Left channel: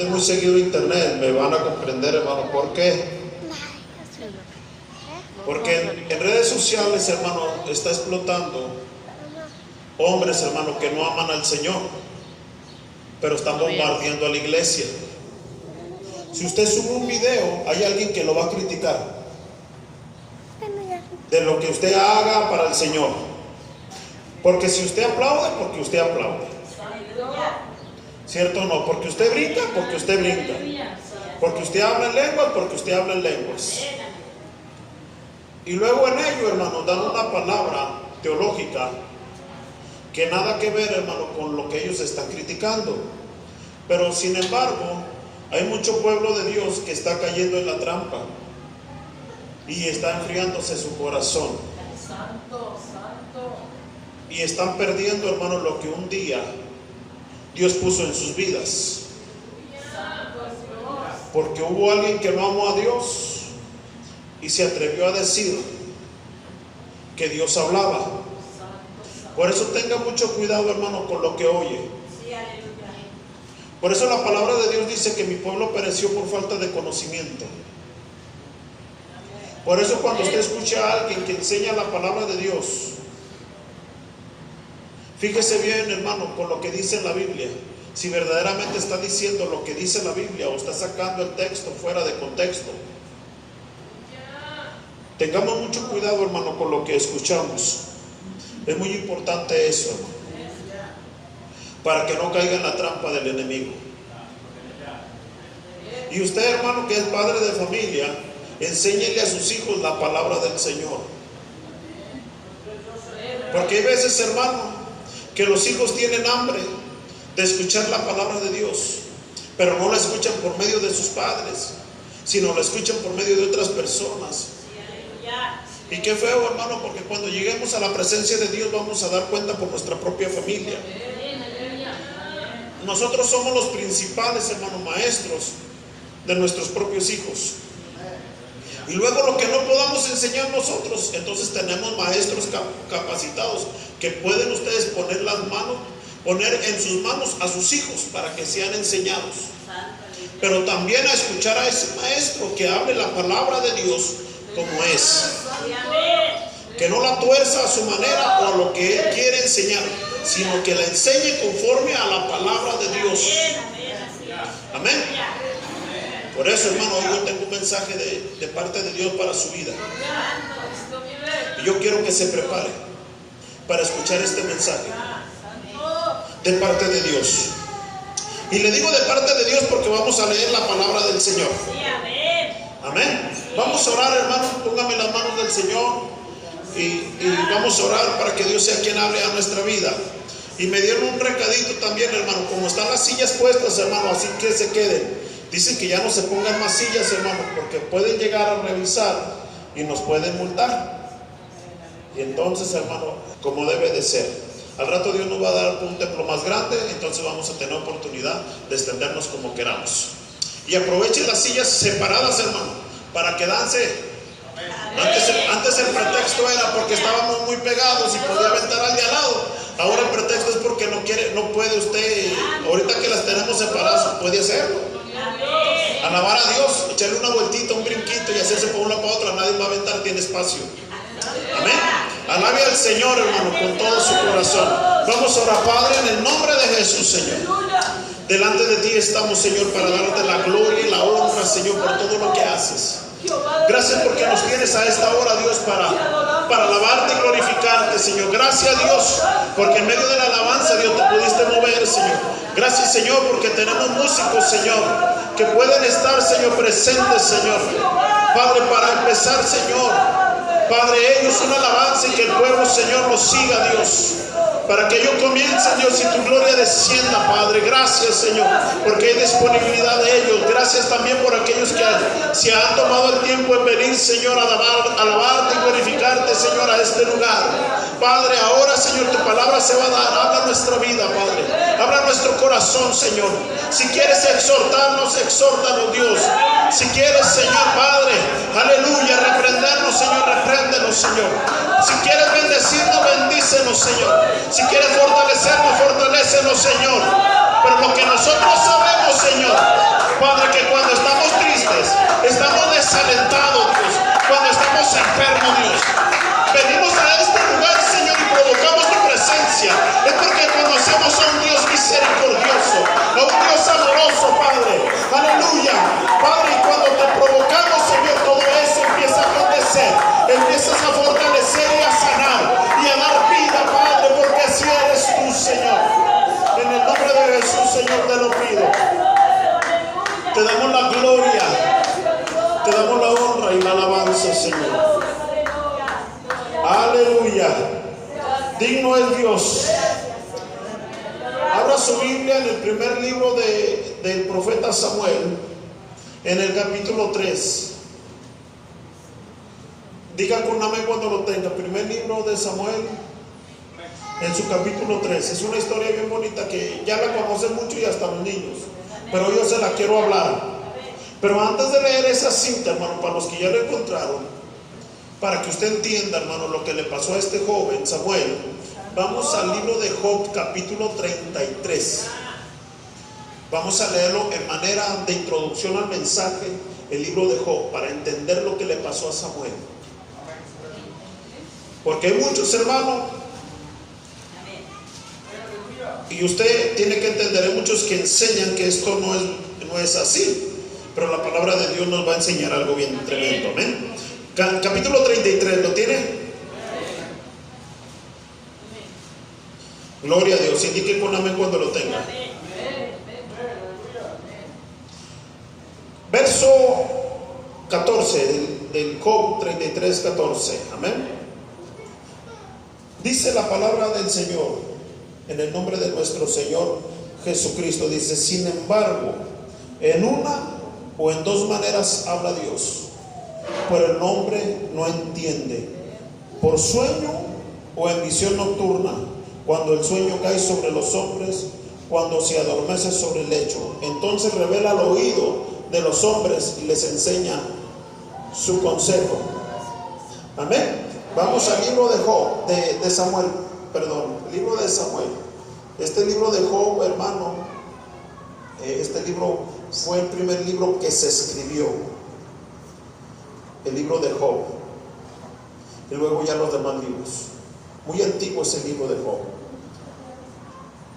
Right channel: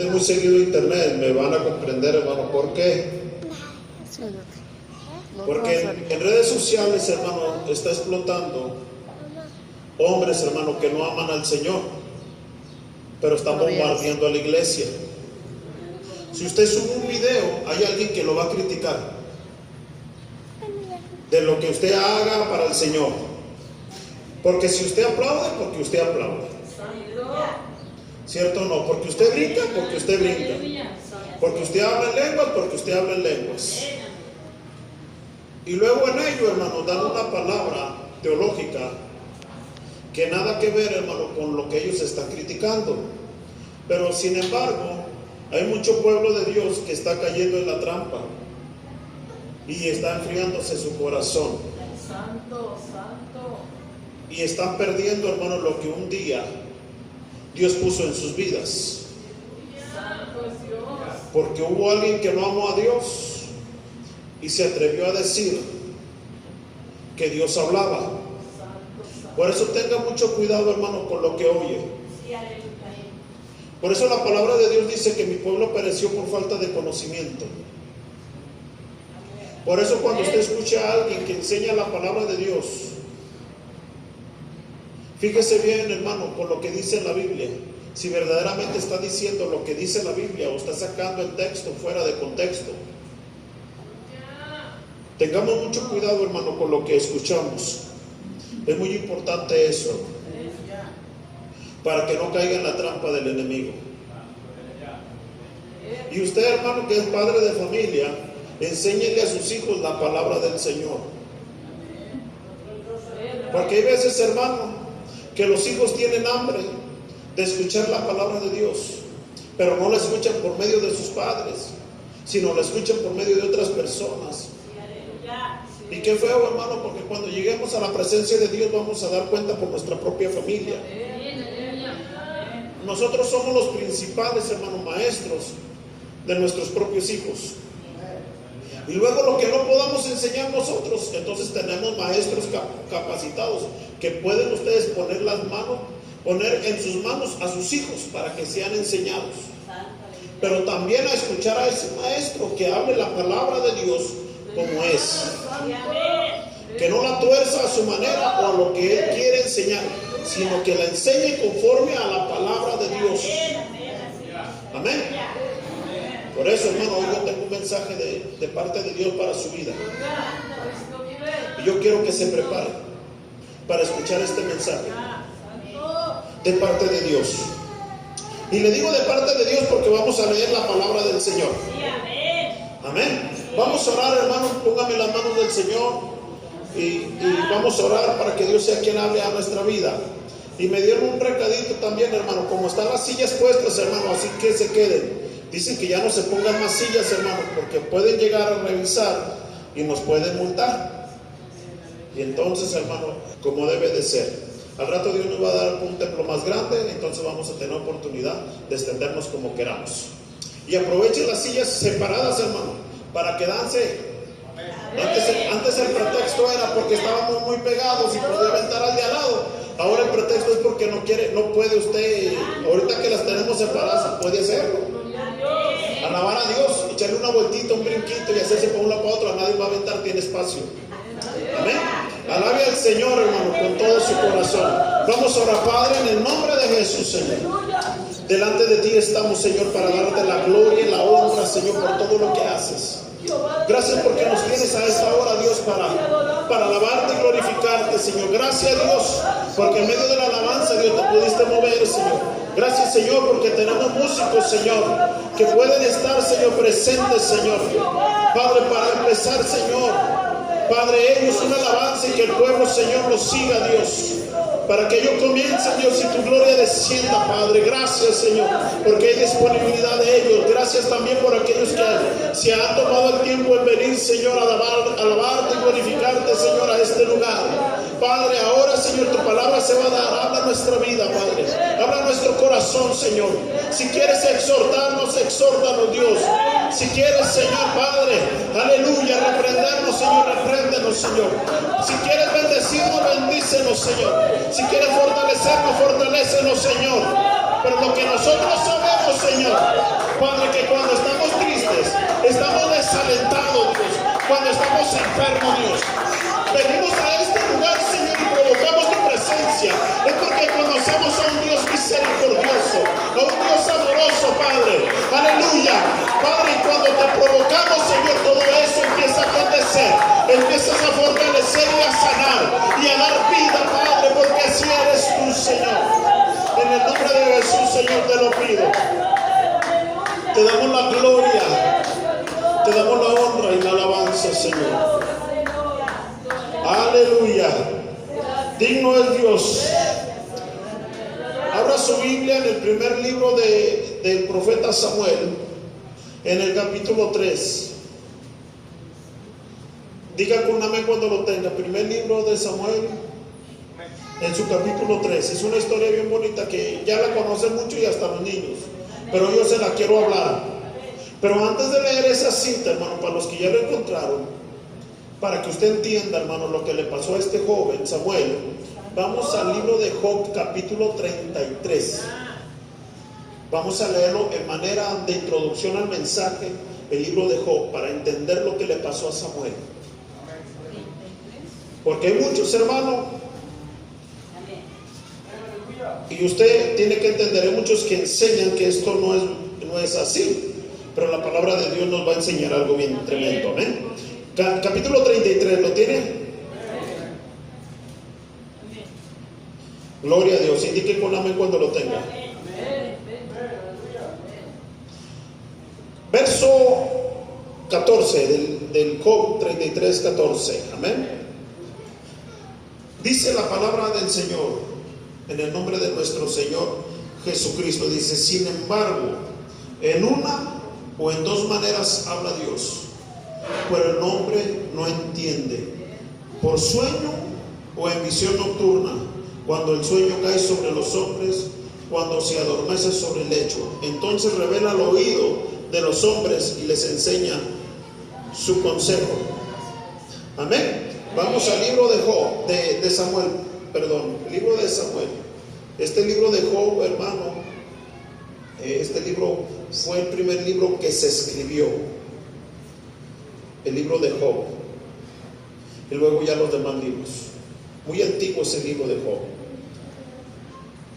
meten muy seguido a internet, me van a comprender, hermano. ¿Por qué? Porque en redes sociales, hermano, está explotando hombres, hermano, que no aman al Señor, pero están bombardeando a la iglesia. Si usted sube un video, hay alguien que lo va a criticar de lo que usted haga para el Señor. Porque si usted aplaude, porque usted aplaude. ¿Cierto o no? Porque usted brinca, porque usted brinca. Porque usted habla en lenguas, porque usted habla en lenguas. Y luego en ello, hermano, dan una palabra teológica que nada que ver, hermano, con lo que ellos están criticando. Pero sin embargo, hay mucho pueblo de Dios que está cayendo en la trampa y está enfriándose su corazón. Santo, santo. Y están perdiendo, hermano, lo que un día Dios puso en sus vidas. Santo es Dios. Porque hubo alguien que no amó a Dios y se atrevió a decir que Dios hablaba. Por eso tenga mucho cuidado, hermano, con lo que oye. Por eso la palabra de Dios dice que mi pueblo pereció por falta de conocimiento. Por eso cuando usted escucha a alguien que enseña la palabra de Dios, fíjese bien, hermano, con lo que dice la Biblia. Si verdaderamente está diciendo lo que dice la Biblia o está sacando el texto fuera de contexto. Tengamos mucho cuidado, hermano, con lo que escuchamos. Es muy importante eso, para que no caiga en la trampa del enemigo. Y usted, hermano, que es padre de familia, enséñele a sus hijos la palabra del Señor. Porque hay veces, hermano, que los hijos tienen hambre de escuchar la palabra de Dios, pero no la escuchan por medio de sus padres, sino la escuchan por medio de otras personas. Y qué feo, hermano, porque cuando lleguemos a la presencia de Dios vamos a dar cuenta por nuestra propia familia. Nosotros somos los principales, hermanos, maestros de nuestros propios hijos. Y luego lo que no podamos enseñar nosotros, entonces tenemos maestros capacitados que pueden ustedes poner las manos, poner en sus manos a sus hijos para que sean enseñados. Pero también a escuchar a ese maestro que hable la palabra de Dios como es. Que no la tuerza a su manera o lo que él quiere enseñar, sino que la enseñe conforme a la palabra de Dios. Amén. Por eso, hermano, hoy yo tengo un mensaje de parte de Dios para su vida. Y yo quiero que se prepare para escuchar este mensaje de parte de Dios. Y le digo de parte de Dios porque vamos a leer la palabra del Señor. Amén. Vamos a orar, hermano. Póngame las manos del Señor y vamos a orar para que Dios sea quien hable a nuestra vida. Y me dieron un recadito también, hermano. Como están las sillas puestas, hermano, así que se queden. Dicen que ya no se pongan más sillas, hermano, porque pueden llegar a revisar y nos pueden multar. Y entonces, hermano, como debe de ser. Al rato Dios nos va a dar un templo más grande, entonces vamos a tener oportunidad de extendernos como queramos. Y aprovechen las sillas separadas, hermano, para que dance. Antes el pretexto era porque estábamos muy pegados y podía aventar al de al lado. Ahora el pretexto es porque no puede usted, ahorita que las tenemos separadas, puede hacerlo. Alabar a Dios, echarle una vueltita, un brinquito y hacerse por una para otra, nadie va a aventar, tiene espacio. Amén. Alabe al Señor, hermano, con todo su corazón. Vamos a orar, Padre, en el nombre de Jesús, Señor. Delante de ti estamos, Señor, para darte la gloria y la honra, Señor, por todo lo que haces. Gracias porque nos tienes a esta hora, Dios, para alabarte y glorificarte, Señor. Gracias, Dios, porque en medio de la alabanza, Dios, te pudiste mover, Señor. Gracias, Señor, porque tenemos músicos, Señor, que pueden estar, Señor, presentes, Señor. Padre, para empezar, Señor, Padre, ellos una alabanza y que el pueblo, Señor, los siga, Dios. Para que ellos comiencen, Dios, y tu gloria descienda, Padre. Gracias, Señor, porque hay disponibilidad de ellos. Gracias también por aquellos que se han tomado el tiempo en venir, Señor, a alabarte y glorificarte, Señor, a este lugar. Padre, ahora, Señor, tu palabra se va a dar. Habla nuestra vida, Padre. Habla nuestro corazón, Señor. Si quieres exhortarnos, exhórtanos, Dios. Si quieres, Señor, Padre, aleluya, reprendernos, Señor, repréndenos, Señor. Si quieres bendecirnos, bendícenos, Señor. Si quieres fortalecernos, fortalécenos, Señor. Pero lo que nosotros sabemos, Señor, Te damos la gloria, te damos la honra y la alabanza, Señor. Aleluya. Digno es Dios. Abra su Biblia en el primer libro del profeta Samuel, en el capítulo 3. Diga con amén cuando lo tenga. Primer libro de Samuel, en su capítulo 3. Es una historia bien bonita que ya la conocen mucho y hasta los niños, pero yo se la quiero hablar. Pero antes de leer esa cita, hermano, para los que ya la encontraron, para que usted entienda, hermano, lo que le pasó a este joven Samuel, vamos al libro de Job, capítulo 33. Vamos a leerlo en manera de introducción al mensaje, el libro de Job, para entender lo que le pasó a Samuel. Porque hay muchos, hermanos, y usted tiene que entender, hay muchos que enseñan que esto no es así, pero la palabra de Dios nos va a enseñar algo bien tremendo. ¿Eh? Capítulo 33, ¿lo tiene? Gloria a Dios, indique con amén cuando lo tenga. Verso 14 del Job 33, 14. Amén. Dice la palabra del Señor, en el nombre de nuestro Señor Jesucristo. Dice: sin embargo, en una o en dos maneras habla Dios, pero el hombre no entiende. Por sueño o en visión nocturna, cuando el sueño cae sobre los hombres, cuando se adormece sobre el lecho. Entonces revela al oído de los hombres y les enseña su consejo. Amén. Vamos al libro de Job, de Samuel, perdón, libro de Samuel. Este libro de Job, hermano, este libro fue el primer libro que se escribió, el libro de Job, y luego ya los demás libros. Muy antiguo es el libro de Job.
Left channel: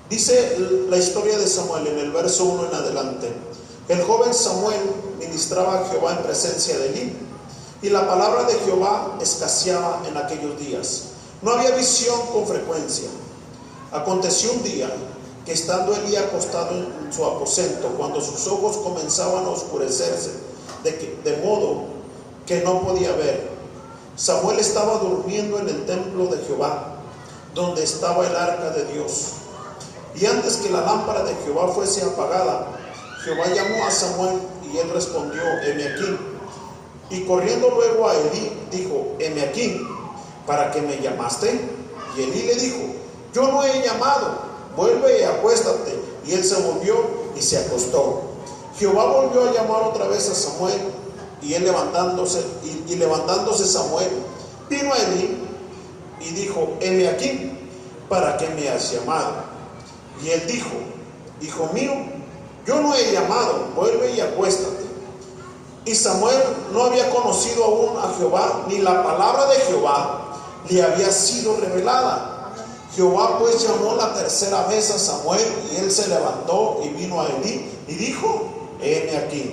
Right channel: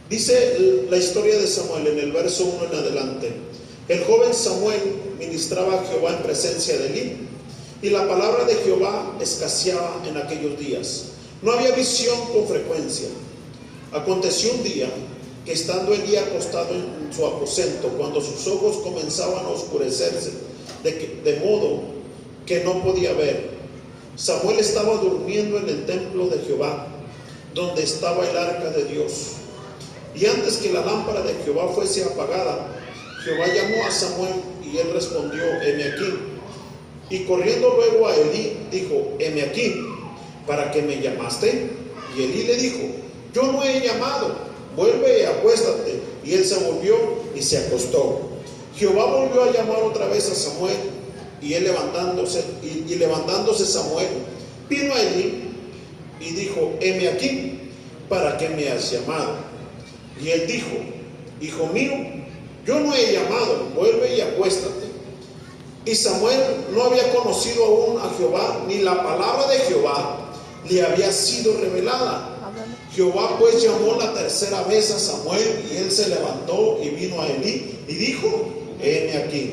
Dice la historia de Samuel en el verso 1 en adelante: el joven Samuel ministraba a Jehová en presencia de Elí, y la palabra de Jehová escaseaba en aquellos días. No había visión con frecuencia. Aconteció un día que, estando Elí acostado en su aposento, cuando sus ojos comenzaban a oscurecerse de modo que no podía ver, Samuel estaba durmiendo en el templo de Jehová, donde estaba el arca de Dios. Y antes que la lámpara de Jehová fuese apagada, Jehová llamó a Samuel, y él respondió: heme aquí. Y corriendo luego a Elí, dijo: heme aquí, ¿para qué me llamaste? Y Elí le dijo: yo no he llamado, vuelve y acuéstate. Y él se volvió y se acostó. Jehová volvió a llamar otra vez a Samuel, y él levantándose Samuel, vino a Elí y dijo: heme aquí, ¿para qué me has llamado? Y él dijo: hijo mío, yo no he llamado, vuelve y acuéstate. Y Samuel no había conocido aún a Jehová, ni la palabra de Jehová le había sido revelada. Jehová pues llamó la tercera vez a Samuel, y él se levantó y vino a Elí y dijo: heme aquí.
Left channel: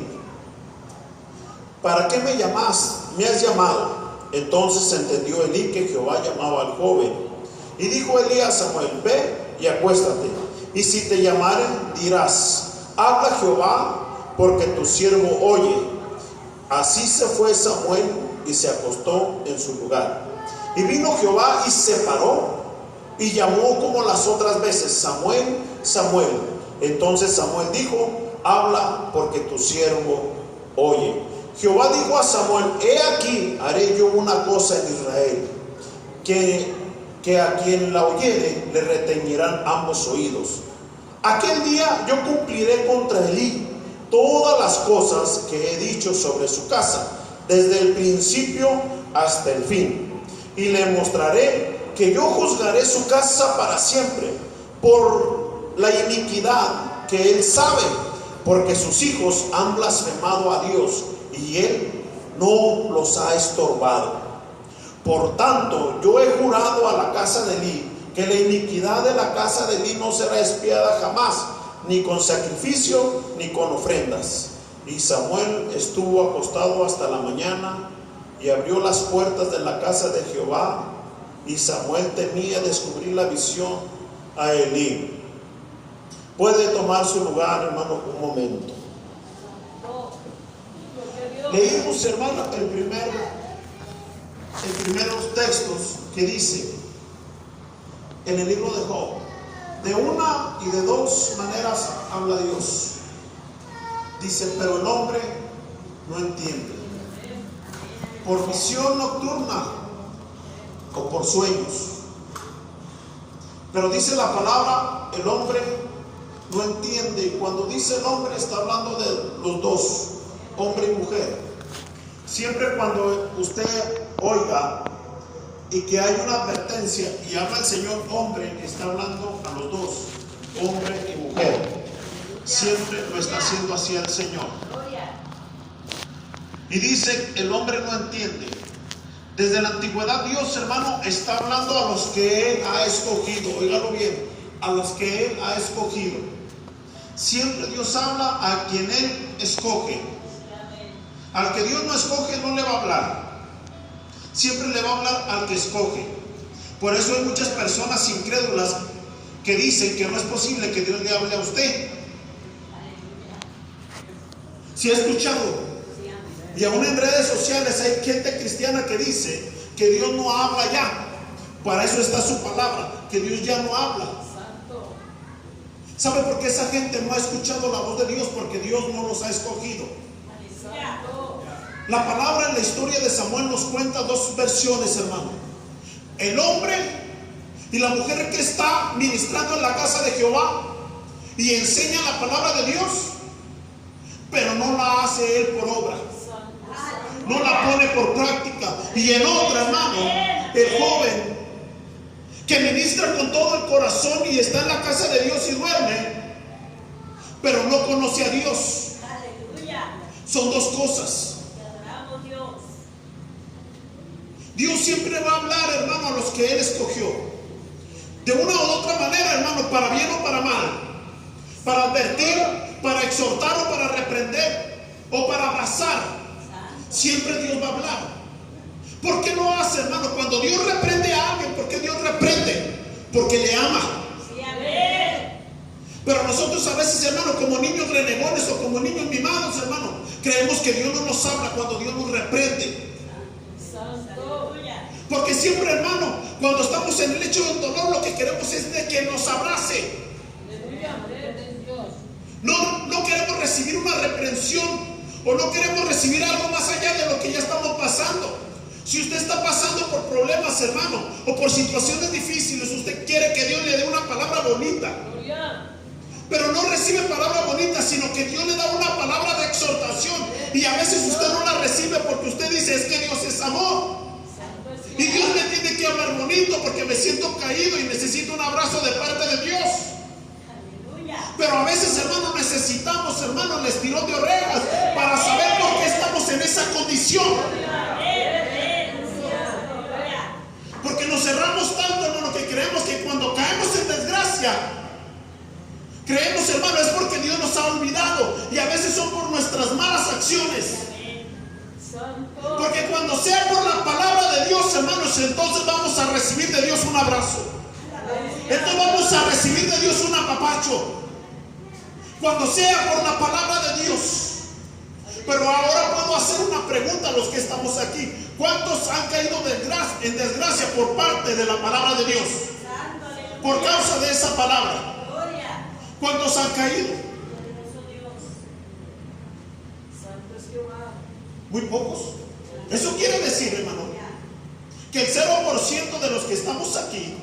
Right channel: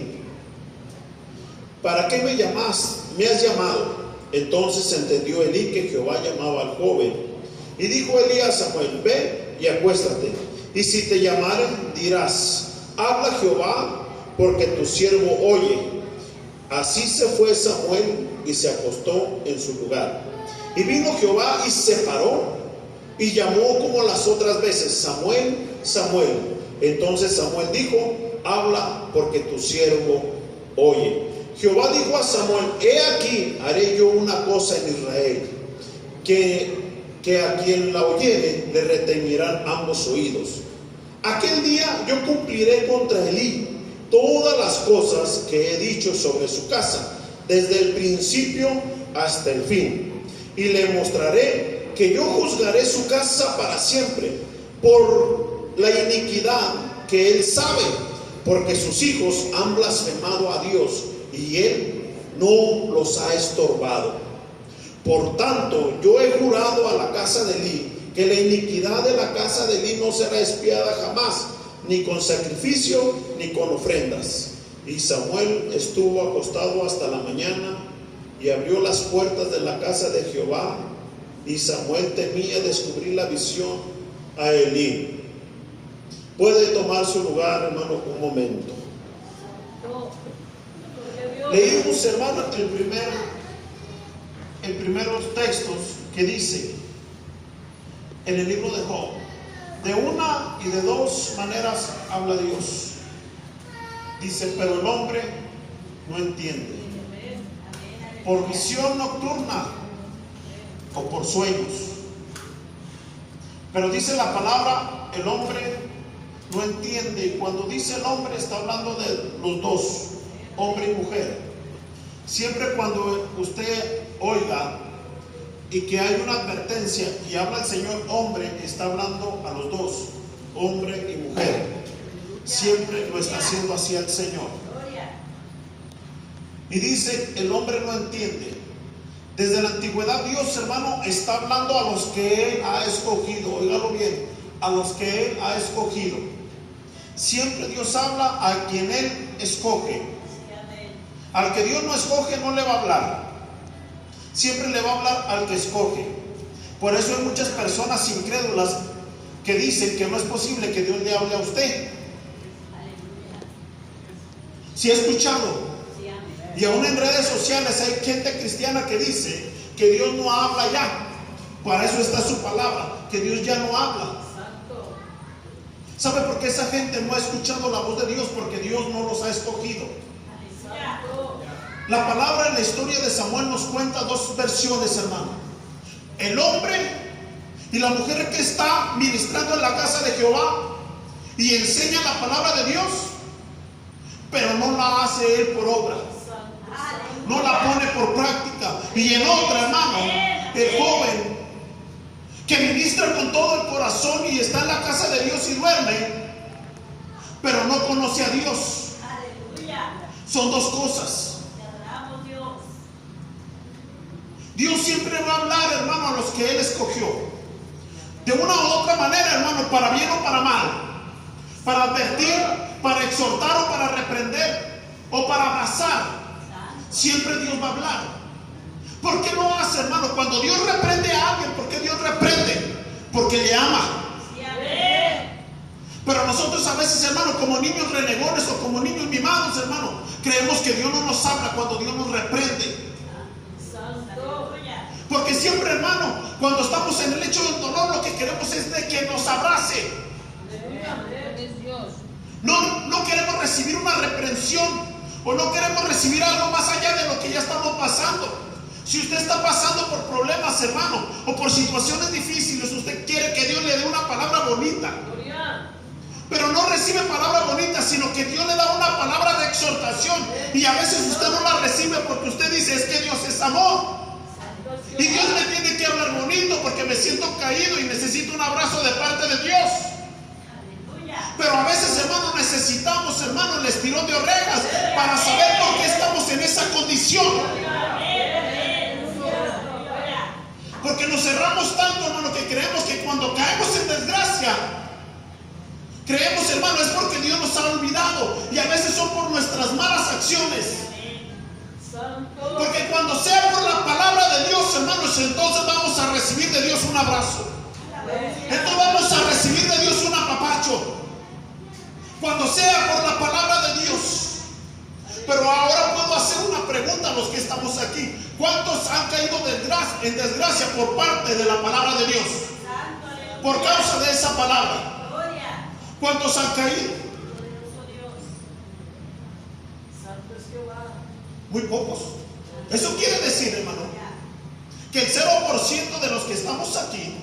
¿Para qué me has llamado? Entonces entendió Elí que Jehová llamaba al joven. Y dijo Elí a Samuel: ve y acuéstate, y si te llamaren dirás: habla Jehová, porque tu siervo oye. Así se fue Samuel y se acostó en su lugar. Y vino Jehová y se paró y llamó como las otras veces: Samuel, Samuel. Entonces Samuel dijo: habla, porque tu siervo oye. Jehová dijo a Samuel: he aquí, haré yo una cosa en Israel, que a quien la oyere le retañirán ambos oídos. Aquel día yo cumpliré contra Elí todas las cosas que he dicho sobre su casa, desde el principio hasta el fin, y le mostraré que yo juzgaré su casa para siempre por la iniquidad que él sabe, porque sus hijos han blasfemado a Dios y él no los ha estorbado. Por tanto, yo he jurado a la casa de Elí que la iniquidad de la casa de Elí no será expiada jamás, ni con sacrificio ni con ofrendas. Y Samuel estuvo acostado hasta la mañana, y abrió las puertas de la casa de Jehová, y Samuel temía descubrir la visión a Elí. Puede tomar su lugar, hermano, un momento. Santo. Leímos, hermano, el primeros textos que dice en el libro de Job, de una y de dos maneras habla Dios. Dice, pero el hombre no entiende. Por visión nocturna o por sueños. Pero dice la palabra, el hombre no entiende. Y cuando dice el hombre, está hablando de los dos, hombre y mujer. Siempre cuando usted oiga y que hay una advertencia y habla el Señor hombre, está hablando a los dos, hombre y mujer. Siempre lo está haciendo así el Señor. Y dice, el hombre no entiende. Desde la antigüedad Dios, hermano, está hablando a los que Él ha escogido. Óigalo bien, a los que Él ha escogido. Siempre Dios habla a quien Él escoge. Al que Dios no escoge no le va a hablar. Siempre le va a hablar al que escoge. Por eso hay muchas personas incrédulas que dicen que no es posible que Dios le hable a usted. Si ha escuchado. Y aún en redes sociales hay gente cristiana que dice que Dios no habla ya. Para eso está su palabra, que Dios ya no habla. ¿Sabe por qué esa gente no ha escuchado la voz de Dios? Porque Dios no los ha escogido. La palabra en la historia de Samuel nos cuenta dos versiones, hermano. El hombre y la mujer que está ministrando en la casa de Jehová y enseña la palabra de Dios, pero no la hace él por obra. No la pone por práctica. Y en otra, hermano, el joven que ministra con todo el corazón y está en la casa de Dios y duerme, pero no conoce a Dios. Son dos cosas. Dios siempre va a hablar, hermano, a los que Él escogió. De una u otra manera, hermano, para bien o para mal. Para advertir, para exhortar o para reprender o para abrazar. Siempre Dios va a hablar. ¿Por qué lo hace, hermano? Cuando Dios reprende a alguien, ¿por qué Dios reprende? Porque le ama. Pero nosotros a veces, hermano, como niños renegones o como niños mimados, hermano, creemos que Dios no nos habla cuando Dios nos reprende. Porque siempre, hermano, cuando estamos en el lecho del dolor, lo que queremos es de que nos abrace. No queremos recibir una reprensión o no queremos recibir algo más allá de lo que ya estamos pasando. Si usted está pasando por problemas, hermano, o por situaciones difíciles, usted quiere que Dios le dé una palabra bonita. Pero no recibe palabra bonita, sino que Dios le da una palabra de exhortación. Y a veces usted no la recibe porque usted dice, es que Dios es amor. Y Dios me tiene que hablar bonito porque me siento caído y necesito un abrazo de parte de Dios. Pero a veces, hermano, necesitamos, hermano, el estirón de orejas para saber por qué estamos en esa condición. Porque nos cerramos tanto, hermano, que creemos que cuando caemos en desgracia, creemos, hermano, es porque Dios nos ha olvidado. Y a veces son por nuestras malas acciones. Porque cuando sea por la palabra de Dios, hermanos, entonces vamos a recibir de Dios un abrazo. Entonces vamos a recibir de Dios un apapacho. Cuando sea por la palabra de Dios. Pero ahora puedo hacer una pregunta a los que estamos aquí. ¿Cuántos han caído en desgracia por parte de la palabra de Dios? Por causa de esa palabra. ¿Cuántos han caído? Muy pocos. Eso quiere decir, hermano, que el 0% de los que estamos aquí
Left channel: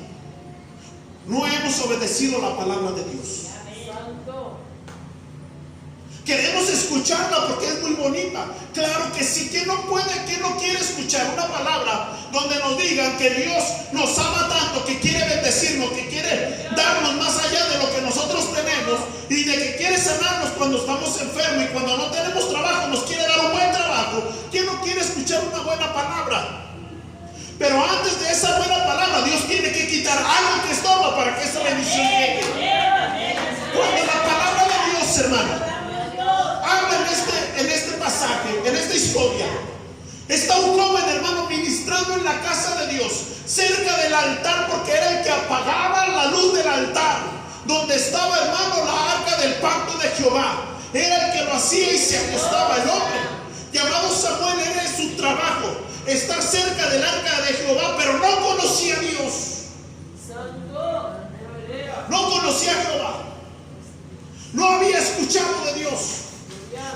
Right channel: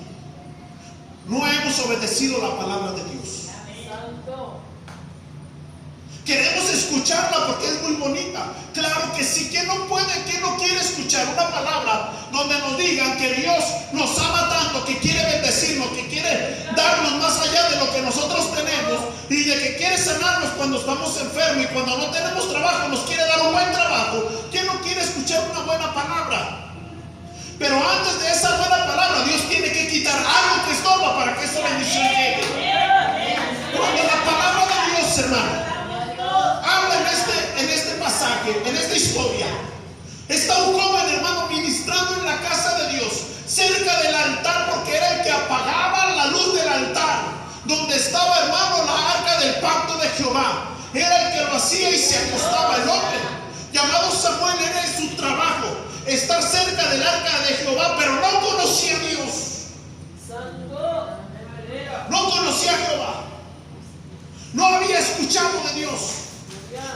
no hemos obedecido la palabra de Dios. Queremos escucharla porque es muy bonita. Claro que sí. ¿Quién no puede, quién no quiere escuchar una palabra donde nos digan que Dios nos ama tanto, que quiere bendecirnos, que quiere darnos más allá de lo que nosotros tenemos y de que quiere sanarnos cuando estamos enfermos y cuando no tenemos trabajo nos quiere dar un buen trabajo? ¿Quién no quiere escuchar una buena palabra? Pero antes de esa buena palabra, Dios tiene que quitar algo que estorba para que esa bendición llegue. Cuando la palabra de Dios, hermano, habla en este pasaje, en esta historia, está un joven, hermano, ministrando en la casa de Dios, cerca del altar, porque era el que apagaba la luz del altar, donde estaba, hermano, la arca del pacto de Jehová. era el que lo hacía y se acostaba. El hombre llamado Samuel era en su trabajo estar cerca del arca de Jehová, pero no conocía a Dios. No conocía a Jehová. No había escuchado de Dios.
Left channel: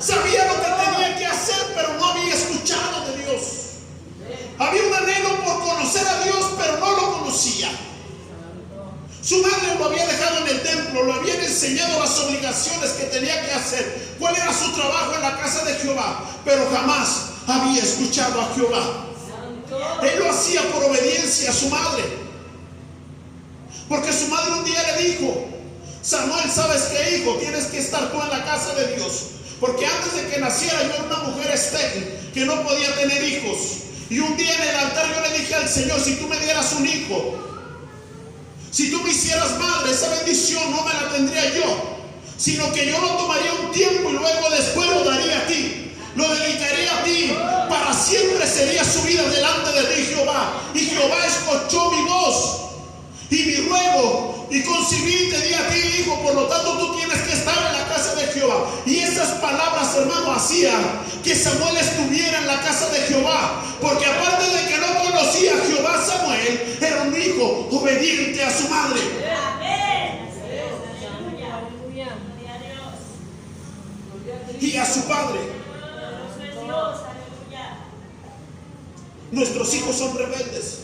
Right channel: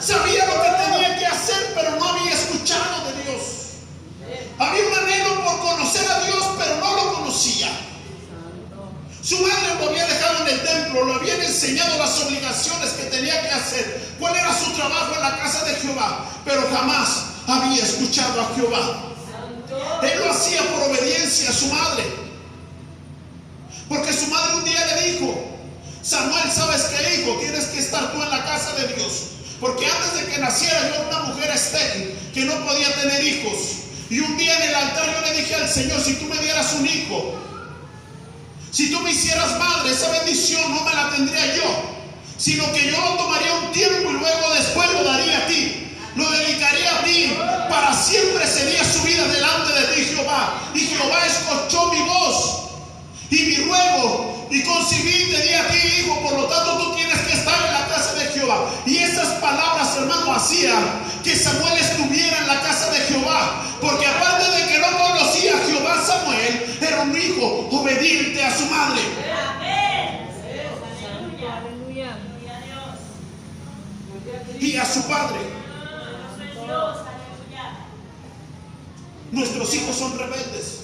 Sabía lo que tenía que hacer, pero no había escuchado de Dios. Había un anhelo por conocer a Dios, pero no lo conocía. Su madre lo había dejado en el templo, lo habían enseñado las obligaciones que tenía que hacer, cuál era su trabajo en la casa de Jehová, pero jamás había escuchado a Jehová. Él lo hacía por obediencia a su madre, porque su madre un día le dijo: Samuel, ¿sabes qué, hijo? Tienes que estar tú en la casa de Dios, porque antes de que naciera yo era una mujer estéril que no podía tener hijos. Y un día en el altar yo le dije al Señor: si tú me dieras un hijo, si tú me hicieras madre, esa bendición no me la tendría yo, sino que yo lo tomaría un tiempo y luego después lo daría a ti, lo dedicaría a ti, para siempre sería su vida delante de ti, Jehová. Y Jehová escuchó mi voz y mi ruego, y concibí y te di a ti, hijo, por lo tanto tú tienes que estar en la casa de Jehová. Y esas palabras, hermano, hacían que Samuel estuviera en la casa de Jehová, porque aparte de que no conocía a Jehová, Samuel era un hijo obediente a su madre. Y a su padre. Nuestros hijos son rebeldes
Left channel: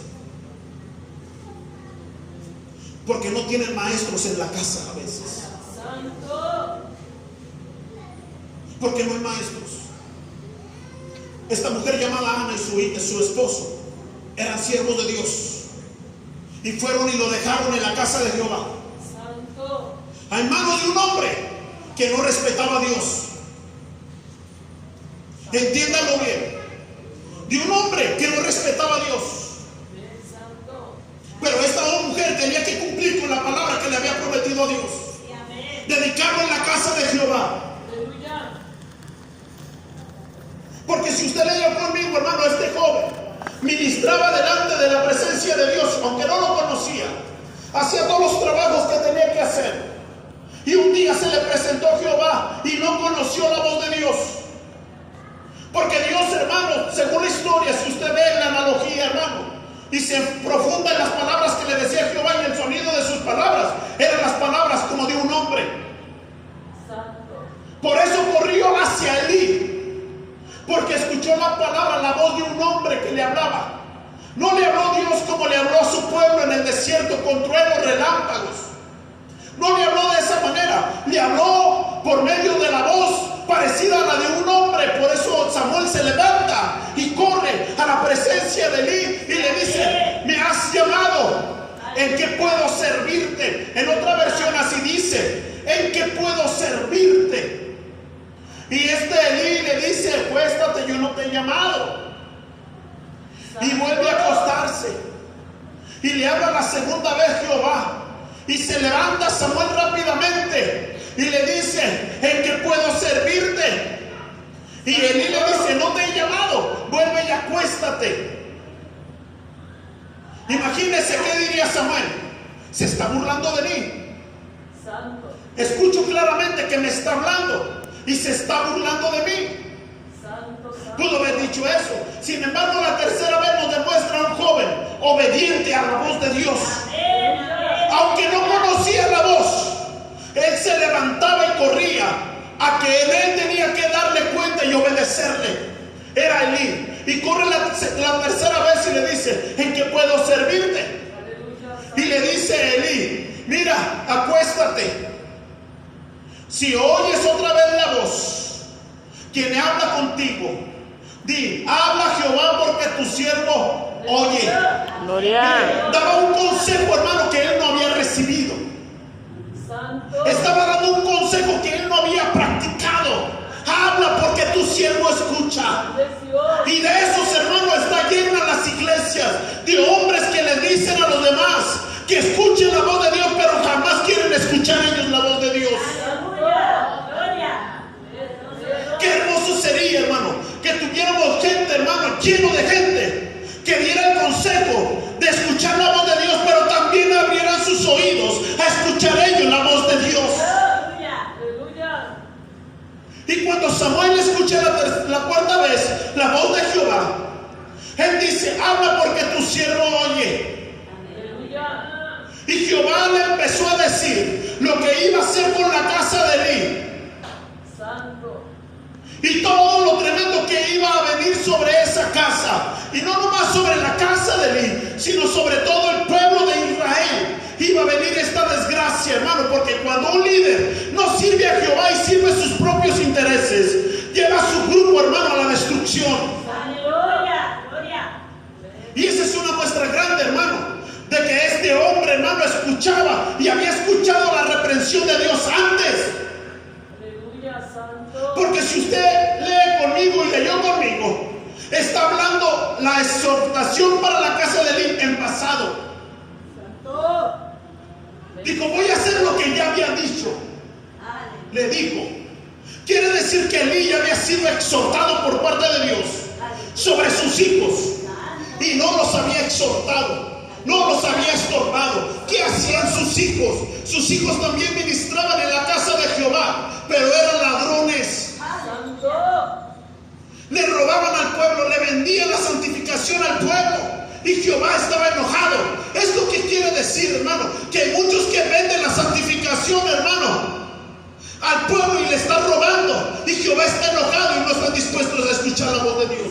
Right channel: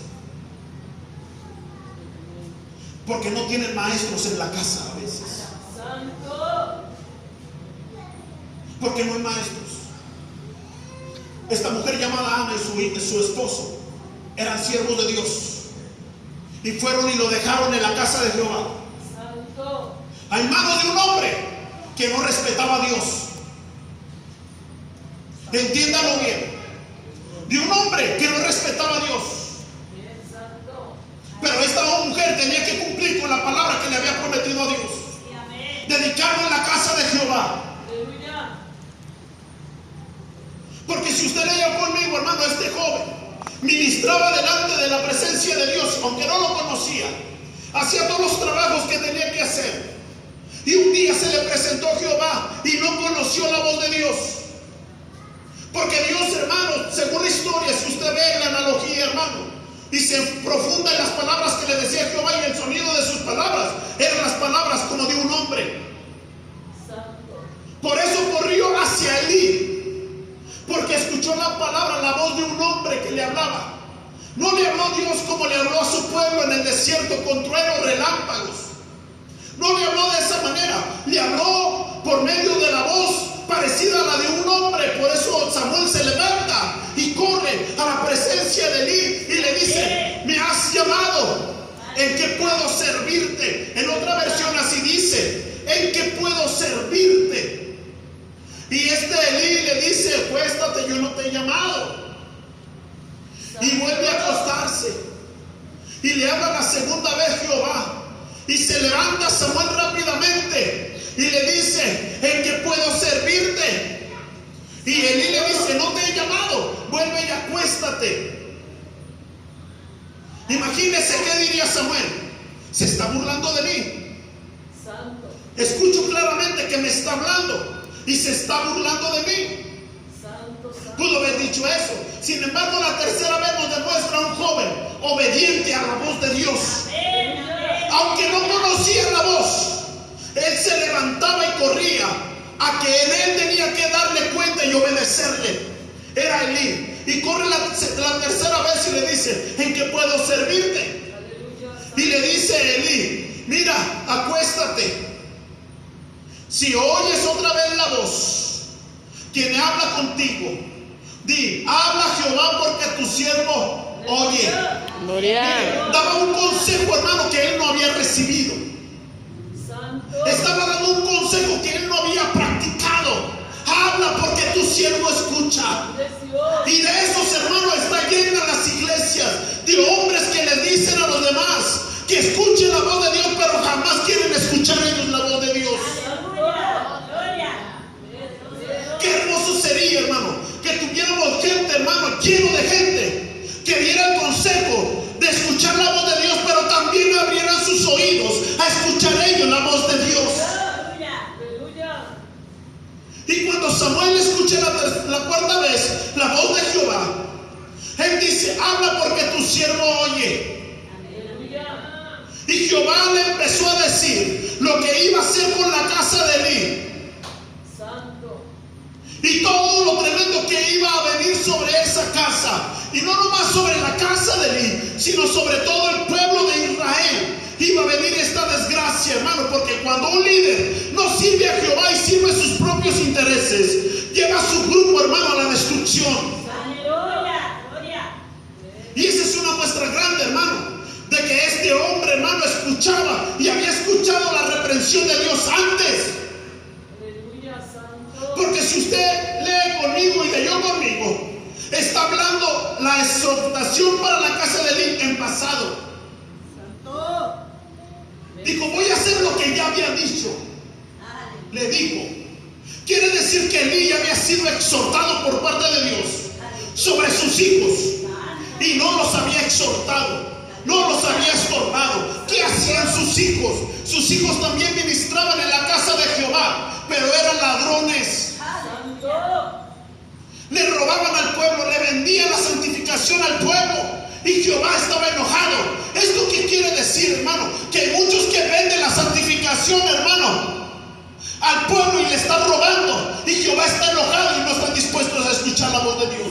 porque no tienen maestros en la casa a veces. Porque no hay maestros. Esta mujer llamada Ana y su esposo eran siervos de Dios, y fueron y lo dejaron en la casa de Jehová en manos de un hombre que no respetaba a Dios. Entiéndalo bien, de un hombre que no respetaba a Dios. Pero esta mujer tenía que cumplir con la palabra que le había prometido a Dios, dedicarlo en la casa de Jehová. Porque si usted leía conmigo, hermano, este joven ministraba delante de la presencia de Dios, aunque no lo conocía, hacía todos los trabajos que tenía que hacer. Y un día se le presentó Jehová y no conoció la voz de Dios. Porque Dios, hermano, según la historia, si usted ve la analogía, hermano, y se profunda en las palabras que le decía Jehová, y el sonido de sus palabras eran las palabras como de un hombre. Por eso corrió hacia Elí, porque escuchó la palabra, la voz de un hombre que le hablaba. No le habló Dios como le habló a su pueblo en el desierto con truenos, relámpagos. No le habló de esa manera, le habló por medio de la voz parecida a la de un hombre. Por eso Samuel se levanta y corre a la presencia de Elí y le dice: me has llamado, ¿en qué puedo servirte? En otra versión así dice: ¿en qué puedo servirte? Y Elí le dice: acuéstate, yo no te he llamado. Y vuelve a acostarse, y le habla la segunda vez Jehová, y se levanta Samuel rápidamente y le dice: ¿en qué puedo servirte? Y Elí le dice: no te he llamado, vuelve y acuéstate. Imagínese qué diría Samuel: se está burlando de mí. Escucho claramente que me está hablando y se está burlando de mí. Pudo haber dicho eso. Sin embargo, la tercera vez nos demuestra un joven obediente a la voz de Dios. Aunque no conocía la voz, él se levantaba y corría a que él tenía que darle cuenta y obedecerle. Era Elí. Y corre la tercera vez y le dice: ¿en qué puedo servirte? Y le dice Elí: mira, acuéstate. Si oyes otra vez la voz, quien habla contigo, di: habla Jehová, porque tu siervo oye. Daba un consejo, hermano, que él no había recibido. Estaba dando un consejo que él no había practicado. Habla, porque tu siervo escucha. Y de esos, hermanos, está llena las iglesias de hombres que les dicen a los demás que escuchen la voz de Dios, pero jamás quieren escuchar ellos la voz de Dios. Qué hermoso sería, hermano, que tuviéramos gente, hermano, lleno de gente que diera el consejo de escuchar la voz de Dios, pero también abrieran sus oídos a escuchar ellos la voz de Dios. Samuel escucha la cuarta vez la voz de Jehová, él dice: habla porque tu siervo oye. Y Jehová le empezó a decir lo que iba a hacer con la casa de Elí. Santo. Y todo lo tremendo que iba a venir sobre esa casa. Y no nomás sobre la casa de Elí, sino sobre todo el pueblo de Israel. Iba a venir esta desgracia, hermano, porque cuando un líder no sirve a Jehová y sirve sus propios intereses, lleva a su grupo, hermano, a la destrucción. Y esa es una muestra grande, hermano, de que este hombre, hermano, escuchaba y había escuchado la reprensión de Dios antes. Aleluya, santo. Porque si usted lee conmigo y leyó conmigo, está hablando la exhortación para la casa de Elí en pasado. Santo. Dijo: voy a hacer lo que ya había dicho. Le dijo. Quiere decir que Elí había sido exhortado por parte de Dios sobre sus hijos. Y no los había exhortado, no los había estorbado. ¿Qué hacían sus hijos? Sus hijos también ministraban en la casa de Jehová, pero eran ladrones. Santo. Le robaban al pueblo, le vendían la santificación al pueblo. Y Jehová estaba enojado. ¿Esto qué quiere decir, hermano? Que hay muchos que venden la santificación, hermano, al pueblo y le están robando. Y Jehová está enojado y no están dispuestos a escuchar la voz de Dios.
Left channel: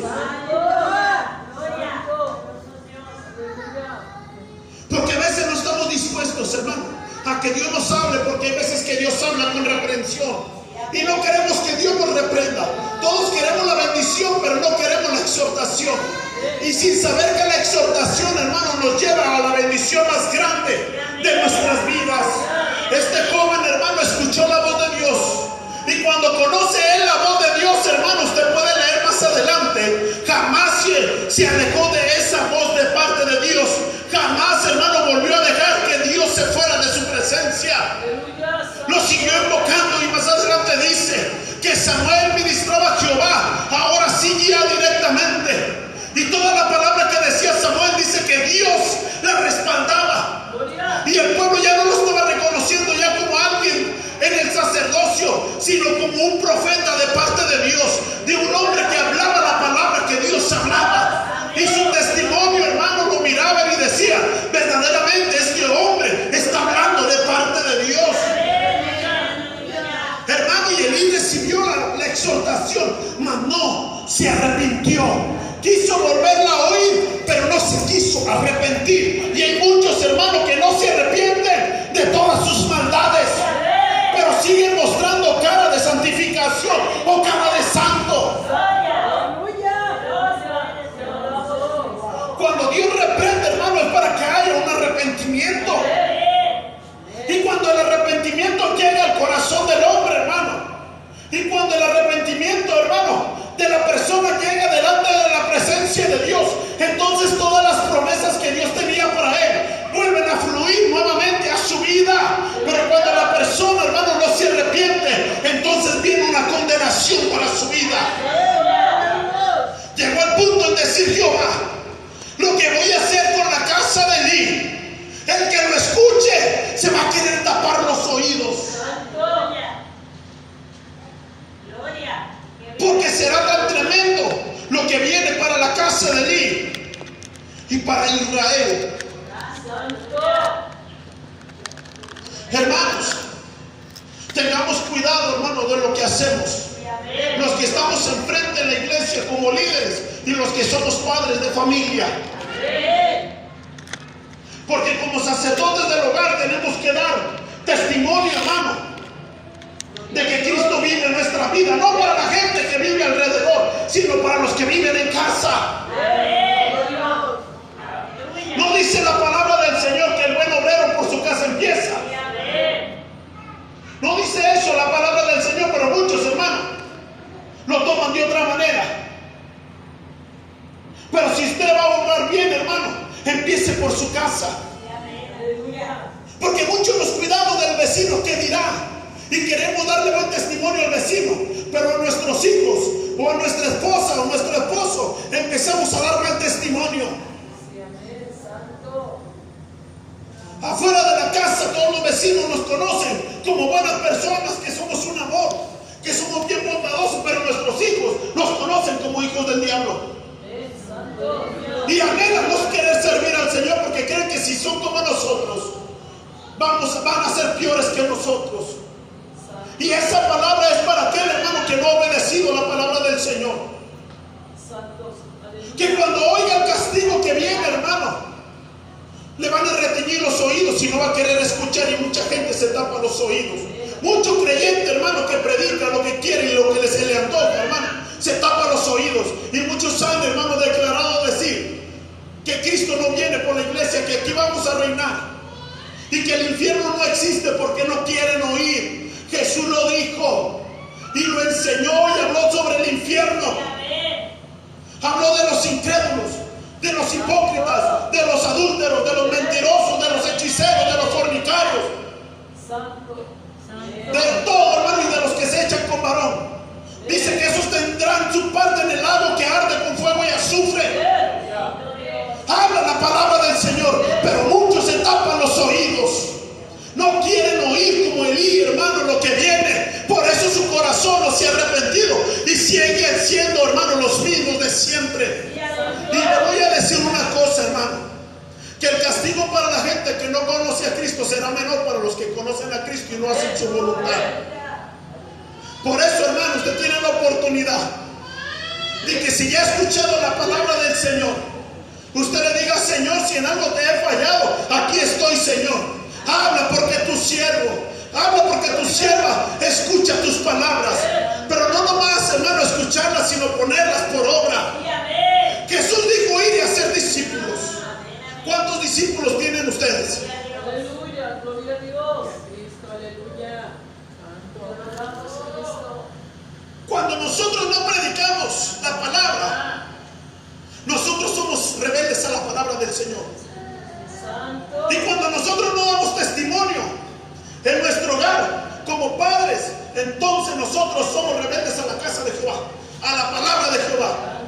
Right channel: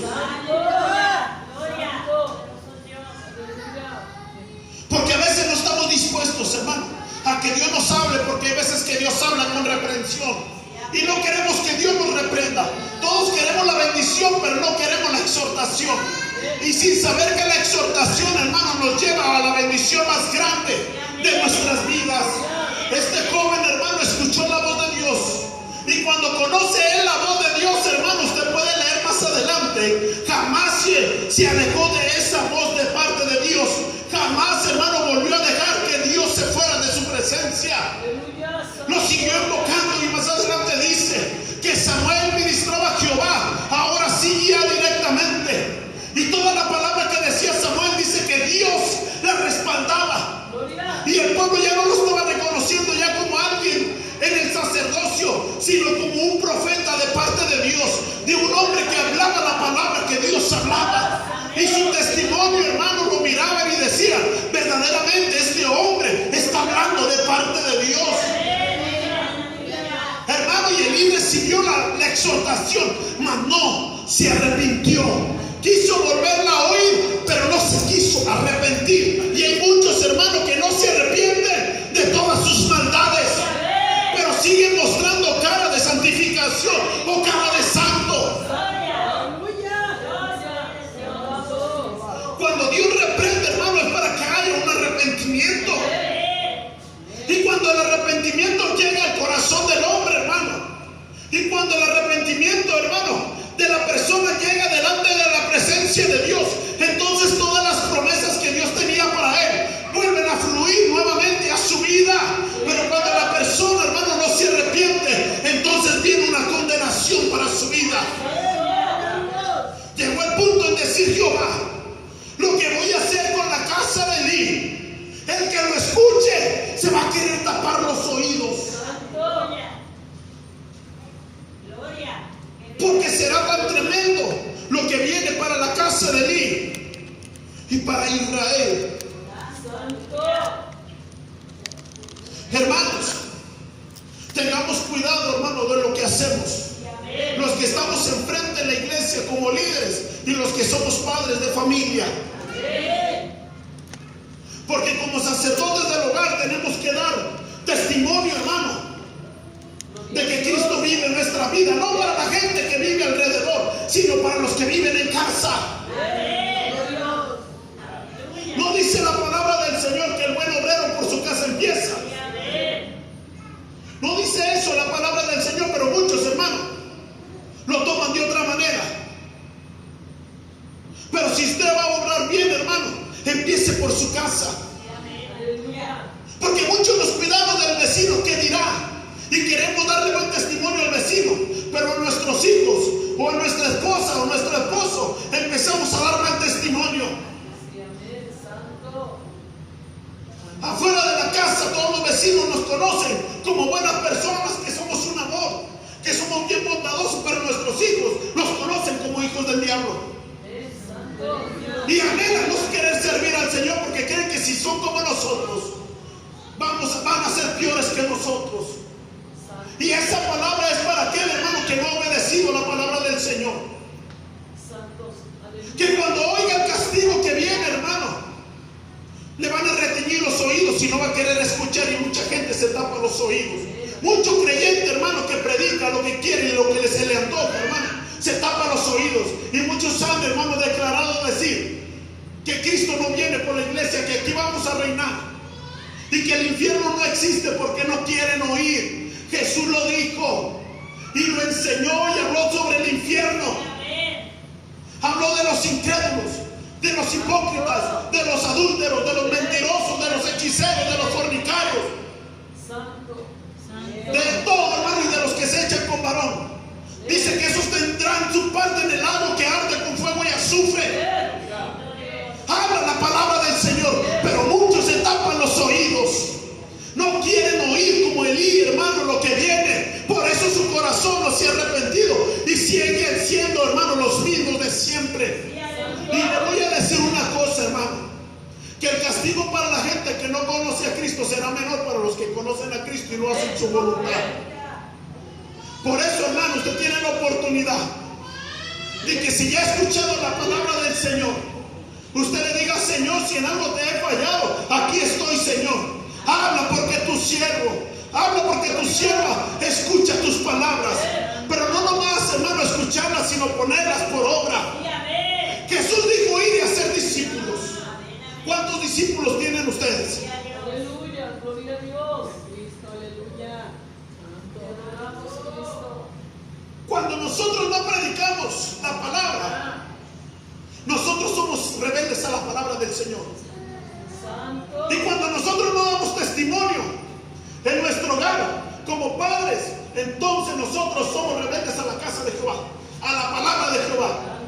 Porque a veces no estamos dispuestos, hermano, a que Dios nos hable, porque hay veces que Dios habla con reprensión y no queremos que Dios nos reprenda. Todos queremos la bendición, pero no queremos la exhortación. Y sin saber que la exhortación, hermano, nos lleva a la bendición más grande de nuestras vidas. Este joven, hermano, escuchó la voz de Dios. Y cuando conoce él la voz de Dios, hermano, usted puede leer más adelante, jamás se alejó de esa voz de parte de Dios. Jamás, hermano, volvió a dejar que Dios se fuera de su presencia. Lo siguió invocando y más adelante dice que Samuel ministraba a Jehová, ahora sí ya directamente. Y toda la palabra que decía Samuel dice que Dios la respaldaba. Y el pueblo ya no lo estaba reconociendo ya como alguien en el sacerdocio, sino como un profeta de parte de Dios, de un hombre que hablaba la palabra que Dios hablaba. Y su testimonio, hermano, lo miraban y decían: verdaderamente este hombre está hablando de parte de Dios. Hermano, y Elí recibió la exhortación, mas no se arrepintió. Quiso volverla a oír, pero no se quiso arrepentir. Y hay muchos, hermanos, que no se arrepienten de todas sus maldades, pero siguen mostrando cara de santificación o cara de santo. Cuando Dios reprende, hermano, es para que haya un arrepentimiento. Y cuando el arrepentimiento llega al corazón del hombre, hermano, y cuando el arrepentimiento, hermano, de la persona llega delante de la presencia de Dios, entonces todas las promesas que Dios tenía para él vuelven a fluir nuevamente a su vida. Pero cuando la persona, hermano, no se arrepiente, entonces viene una condenación para su vida. Llegó el punto en decir Jehová: lo que voy a hacer con la casa de Elí, el que lo escuche se va a querer tapar los oídos. Porque será tan tremendo lo que viene para la casa de Elí y para Israel. Hermanos, tengamos cuidado, hermano, de lo que hacemos. Los que estamos enfrente en la iglesia como líderes y los que somos padres de familia. Porque como sacerdotes del hogar tenemos que dar testimonio, hermano, de que Cristo vive en nuestra vida, no para la gente que vive alrededor, sino para los que viven en casa. No dice la palabra del Señor que el buen obrero por su casa empieza. No dice eso la palabra del Señor, pero muchos, hermanos, lo toman de otra manera. Pero si usted va a obrar bien, hermano, empiece por su casa. Porque muchos nos cuidamos del vecino que dirá y queremos darle buen testimonio al vecino, pero a nuestros hijos o a nuestra esposa o a nuestro esposo empezamos a dar mal testimonio. Afuera de la casa todos los vecinos nos conocen como buenas personas, que somos un amor, que somos bien bondadosos, pero nuestros hijos nos conocen como hijos del diablo. Y anhelan no querer servir al Señor porque creen que si son como nosotros, van a ser peores que nosotros. Y esa palabra es para aquel hermano que no ha obedecido la palabra del Señor. Que cuando oiga el castigo que viene, hermano, le van a reteñir los oídos y no va a querer escuchar, y mucha gente se tapa los oídos. Mucho creyente, hermano, que predica lo que quiere y lo que se le antoja, hermano, se tapa los oídos. Y muchos han, hermano, declarado decir que Cristo no viene por la iglesia, que aquí vamos a reinar y que el infierno no existe porque no quieren oír. Jesús lo dijo y lo enseñó y habló sobre el infierno. Habló de los incrédulos, de los hipócritas, de los adúlteros, de los mentirosos, de los hechiceros, de los fornicarios, de todo, hermano, y de los que se echan con varón. Dice que esos tendrán su parte en el lago que arde con fuego y azufre. Habla la palabra del Señor, pero muchos se tapan los oídos. No quieren oír como Elí, hermano, lo que viene. Por eso su corazón no se ha arrepentido y siguen siendo, hermano, los mismos de siempre. Y le voy a decir una cosa, hermano, que el castigo para la gente que no conoce a Cristo será menor para los que conocen a Cristo y no hacen su voluntad. Por eso, hermano, usted tiene la oportunidad de que si ya ha escuchado la palabra del Señor, usted le diga: Señor, si en algo te he fallado, aquí estoy, Señor. Habla porque tu siervo, habla porque tu sierva escucha tus palabras. Pero no nomás, hermano, escucharlas, sino ponerlas por obra. Jesús dijo: ir y hacer discípulos. ¿Cuántos discípulos tienen ustedes? Aleluya, gloria a Dios. Cristo, aleluya. Santo. Cuando nosotros no predicamos la palabra, nosotros somos rebeldes a la palabra del Señor. Y cuando nosotros no damos testimonio en nuestro hogar como padres, entonces nosotros somos rebeldes a la casa de Jehová, a la palabra de Jehová.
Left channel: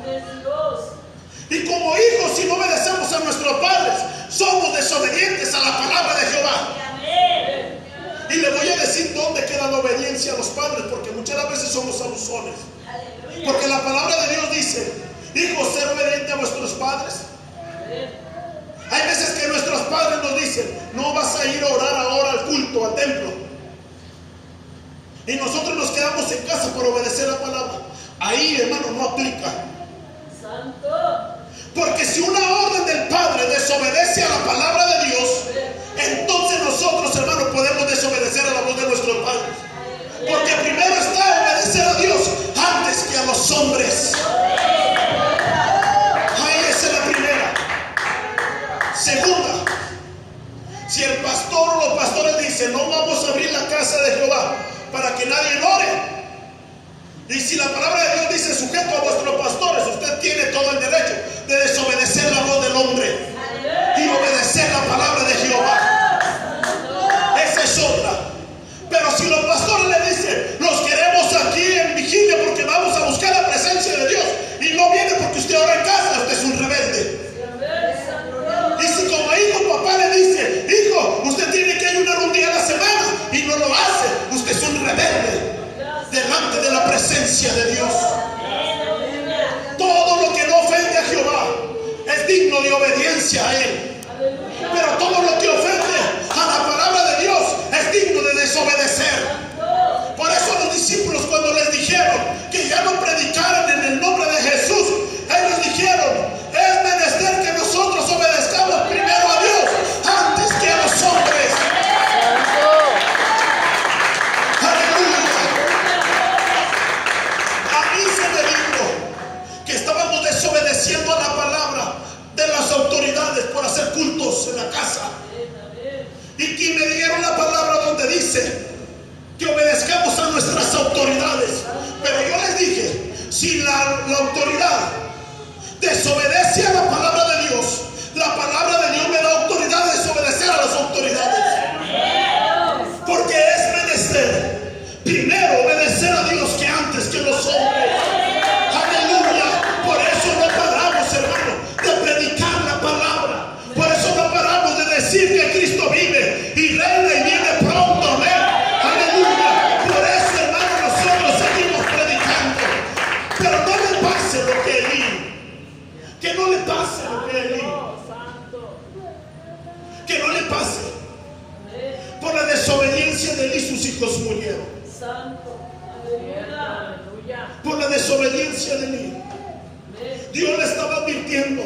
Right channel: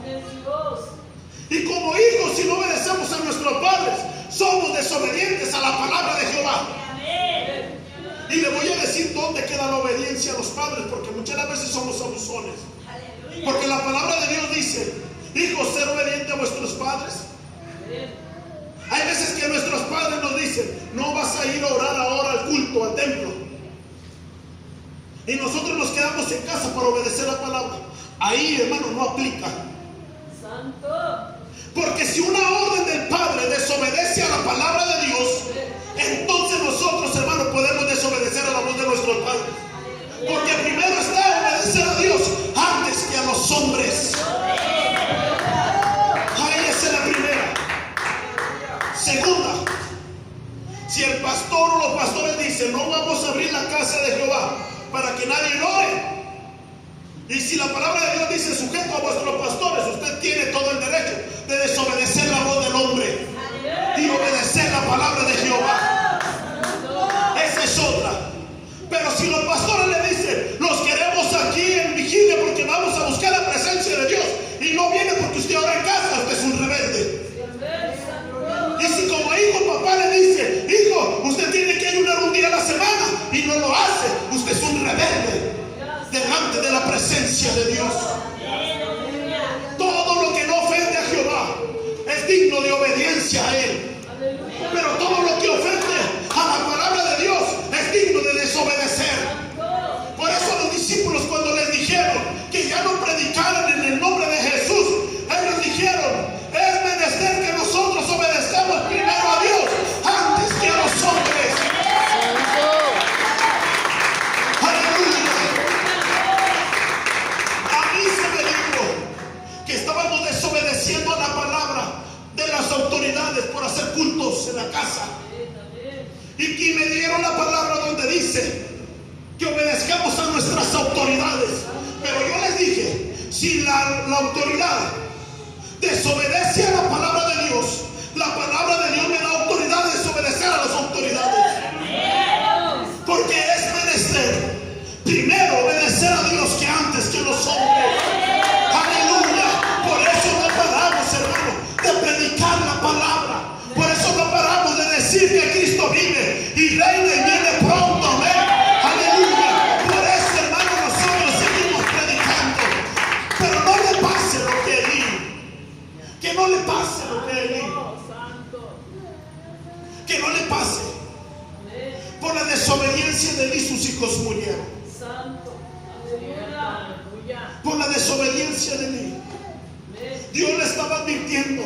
Y como hijos, si no obedecemos a nuestros padres, somos desobedientes a la palabra de Jehová. Y le voy a decir dónde queda la obediencia a los padres, porque muchas veces somos abusones. Porque la palabra de Dios dice: hijos, ser obedientes a vuestros padres. Hay veces que nuestros padres nos dicen: no vas a ir a orar ahora al culto, al templo. Y nosotros nos quedamos en casa para obedecer la palabra. Ahí, hermano, no aplica. Porque si una orden del Padre desobedece a la palabra de Dios, entonces nosotros, hermano, podemos desobedecer a la voz de nuestro Padre. Porque primero está obedecer a Dios antes que a los hombres. Ahí esa es la primera. Segunda, si el pastor o los pastores dicen: no vamos a abrir la casa de Jehová para que nadie ore. Y si la palabra de Dios dice: sujeto a vuestros pastores, usted tiene todo el derecho de desobedecer la voz del hombre y obedecer la palabra de Jehová. Esa es otra. Pero si los pastores le dicen: nos queremos aquí en vigilia porque vamos a buscar la presencia de Dios, y no viene porque usted ora en casa, usted es un rebelde. Y si como hijo papá le dice: hijo, usted tiene que ayunar un día a la semana, y no lo hace, usted es un rebelde delante de la presencia de Dios. Todo lo que no ofende a Jehová es digno de obediencia a Él. Pero todo lo que ofende a la palabra de Dios es digno de desobedecer. Por eso los discípulos, cuando les dijeron que ya no predicaran en el nombre de Jesús, ellos dijeron: es menester que nosotros obedezcamos primero a Dios antes que a los hombres. Aleluya. A mí se me dijo que estábamos desobedeciendo a la palabra de las autoridades por hacer cultos en la casa. Y que me dieron la palabra donde dice que obedezcamos a nuestras autoridades. Pero yo les dije: si la autoridad desobedece a la palabra de Dios, la palabra de Dios me da autoridad de desobedecer a las autoridades. Porque es menester primero obedecer a Dios que antes que los hombres. Aleluya. Por eso no paramos, hermano, de predicar la palabra. Por eso no paramos de decir que Cristo vive y reina y viene pronto. Amén. Aleluya. Por eso, hermano, nosotros desobediencia de Elí. Dios le estaba advirtiendo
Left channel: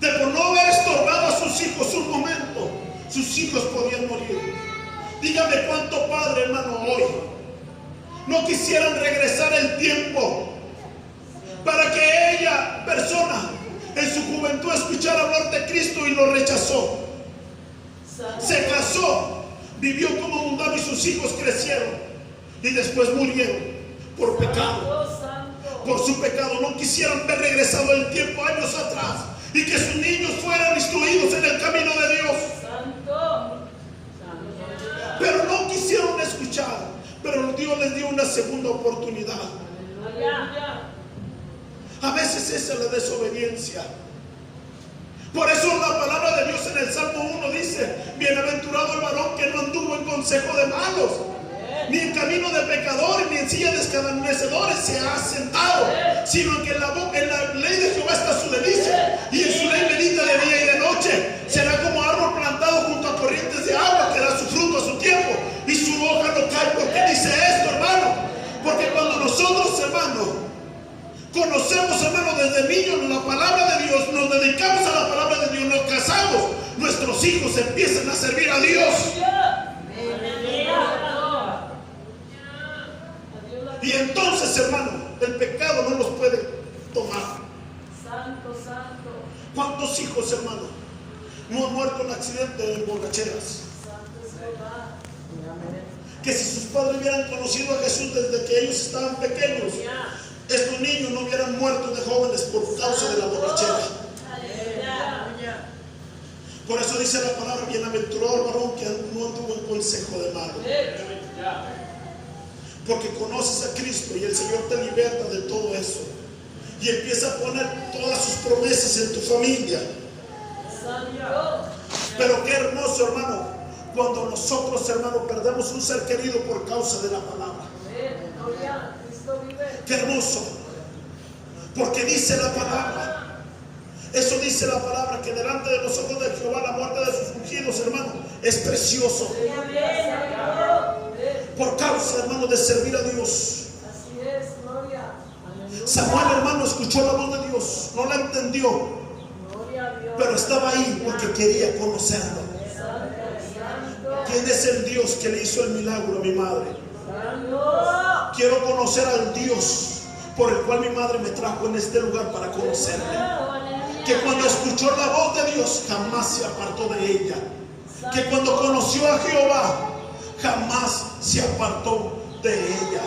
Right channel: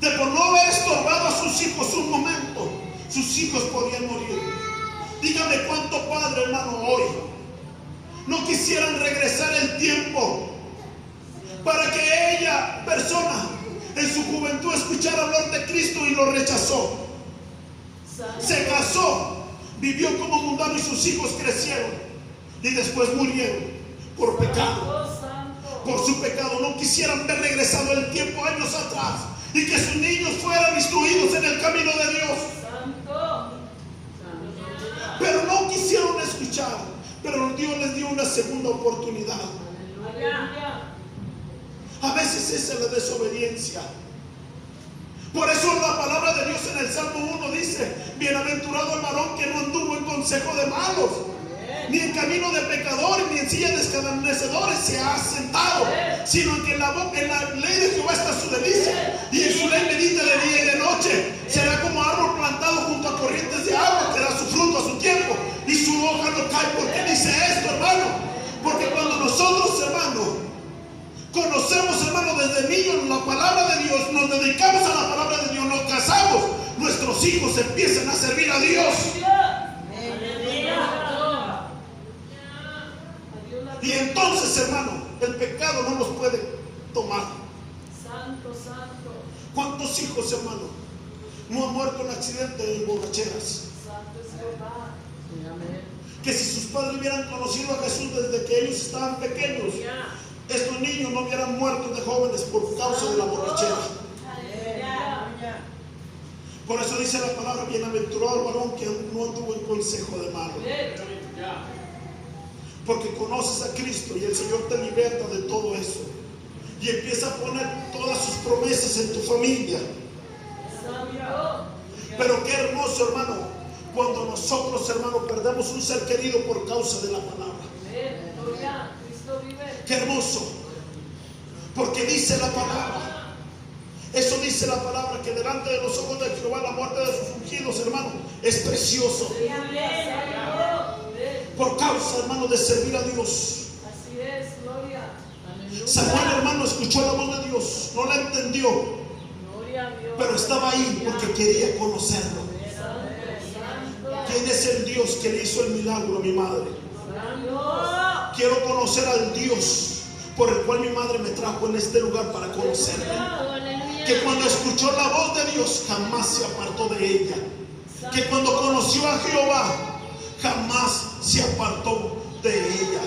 de por no haber estorbado a sus hijos un momento, sus hijos podían morir. Dígame cuánto padre, hermano, hoy no quisieran regresar el tiempo para que ella, persona, en su juventud escuchara hablar de Cristo y lo rechazó. Se casó, vivió como mundano y sus hijos crecieron y después murieron por pecado. Por su pecado. No quisieran ver regresado el tiempo años atrás y que sus niños fueran instruidos en el camino de Dios. Pero no quisieron escuchar. Pero Dios les dio una segunda oportunidad. A veces esa es la desobediencia. Por eso la palabra de Dios en el Salmo 1 dice: bienaventurado el varón que no anduvo en consejo de malos, ni en camino de pecadores, ni en silla de escarnecedores se ha sentado, sino que en la ley de Jehová está su delicia, y en su ley medita de día y de noche. Será como árbol plantado junto a corrientes de agua, que da su fruto a su tiempo, y su hoja no cae. ¿Por qué dice esto, hermano? Porque cuando nosotros, hermano, conocemos, hermano, desde niños la palabra de Dios, nos dedicamos a la palabra de Dios, nos casamos, nuestros hijos empiezan a servir a Dios. Y entonces, hermano, el pecado no los puede tomar. Santo, santo. ¿Cuántos hijos, hermano, no han muerto en accidentes de borracheras? Que si sus padres hubieran conocido a Jesús desde que ellos estaban pequeños, estos niños no hubieran muerto de jóvenes por causa de la borrachera. Por eso dice la palabra: bienaventurado el varón que no anduvo en consejo de malos. Porque conoces a Cristo y el Señor te liberta de todo eso. Y empieza a poner todas sus promesas en tu familia. Pero qué hermoso, hermano, cuando nosotros, hermano, perdemos un ser querido por causa de la palabra. Qué hermoso. Porque dice la palabra, eso dice la palabra, que delante de los ojos de Jehová la muerte de sus ungidos, hermano, es precioso. Por causa, hermano, de servir a Dios. Así es, gloria. Samuel, hermano, escuchó la voz de Dios, no la entendió, pero estaba ahí porque quería conocerlo. ¿Quién es el Dios que le hizo el milagro a mi madre? Quiero conocer al Dios por el cual mi madre me trajo en este lugar para conocerle. Que cuando escuchó la voz de Dios jamás se apartó de ella. Que cuando conoció a Jehová jamás se apartó de ella.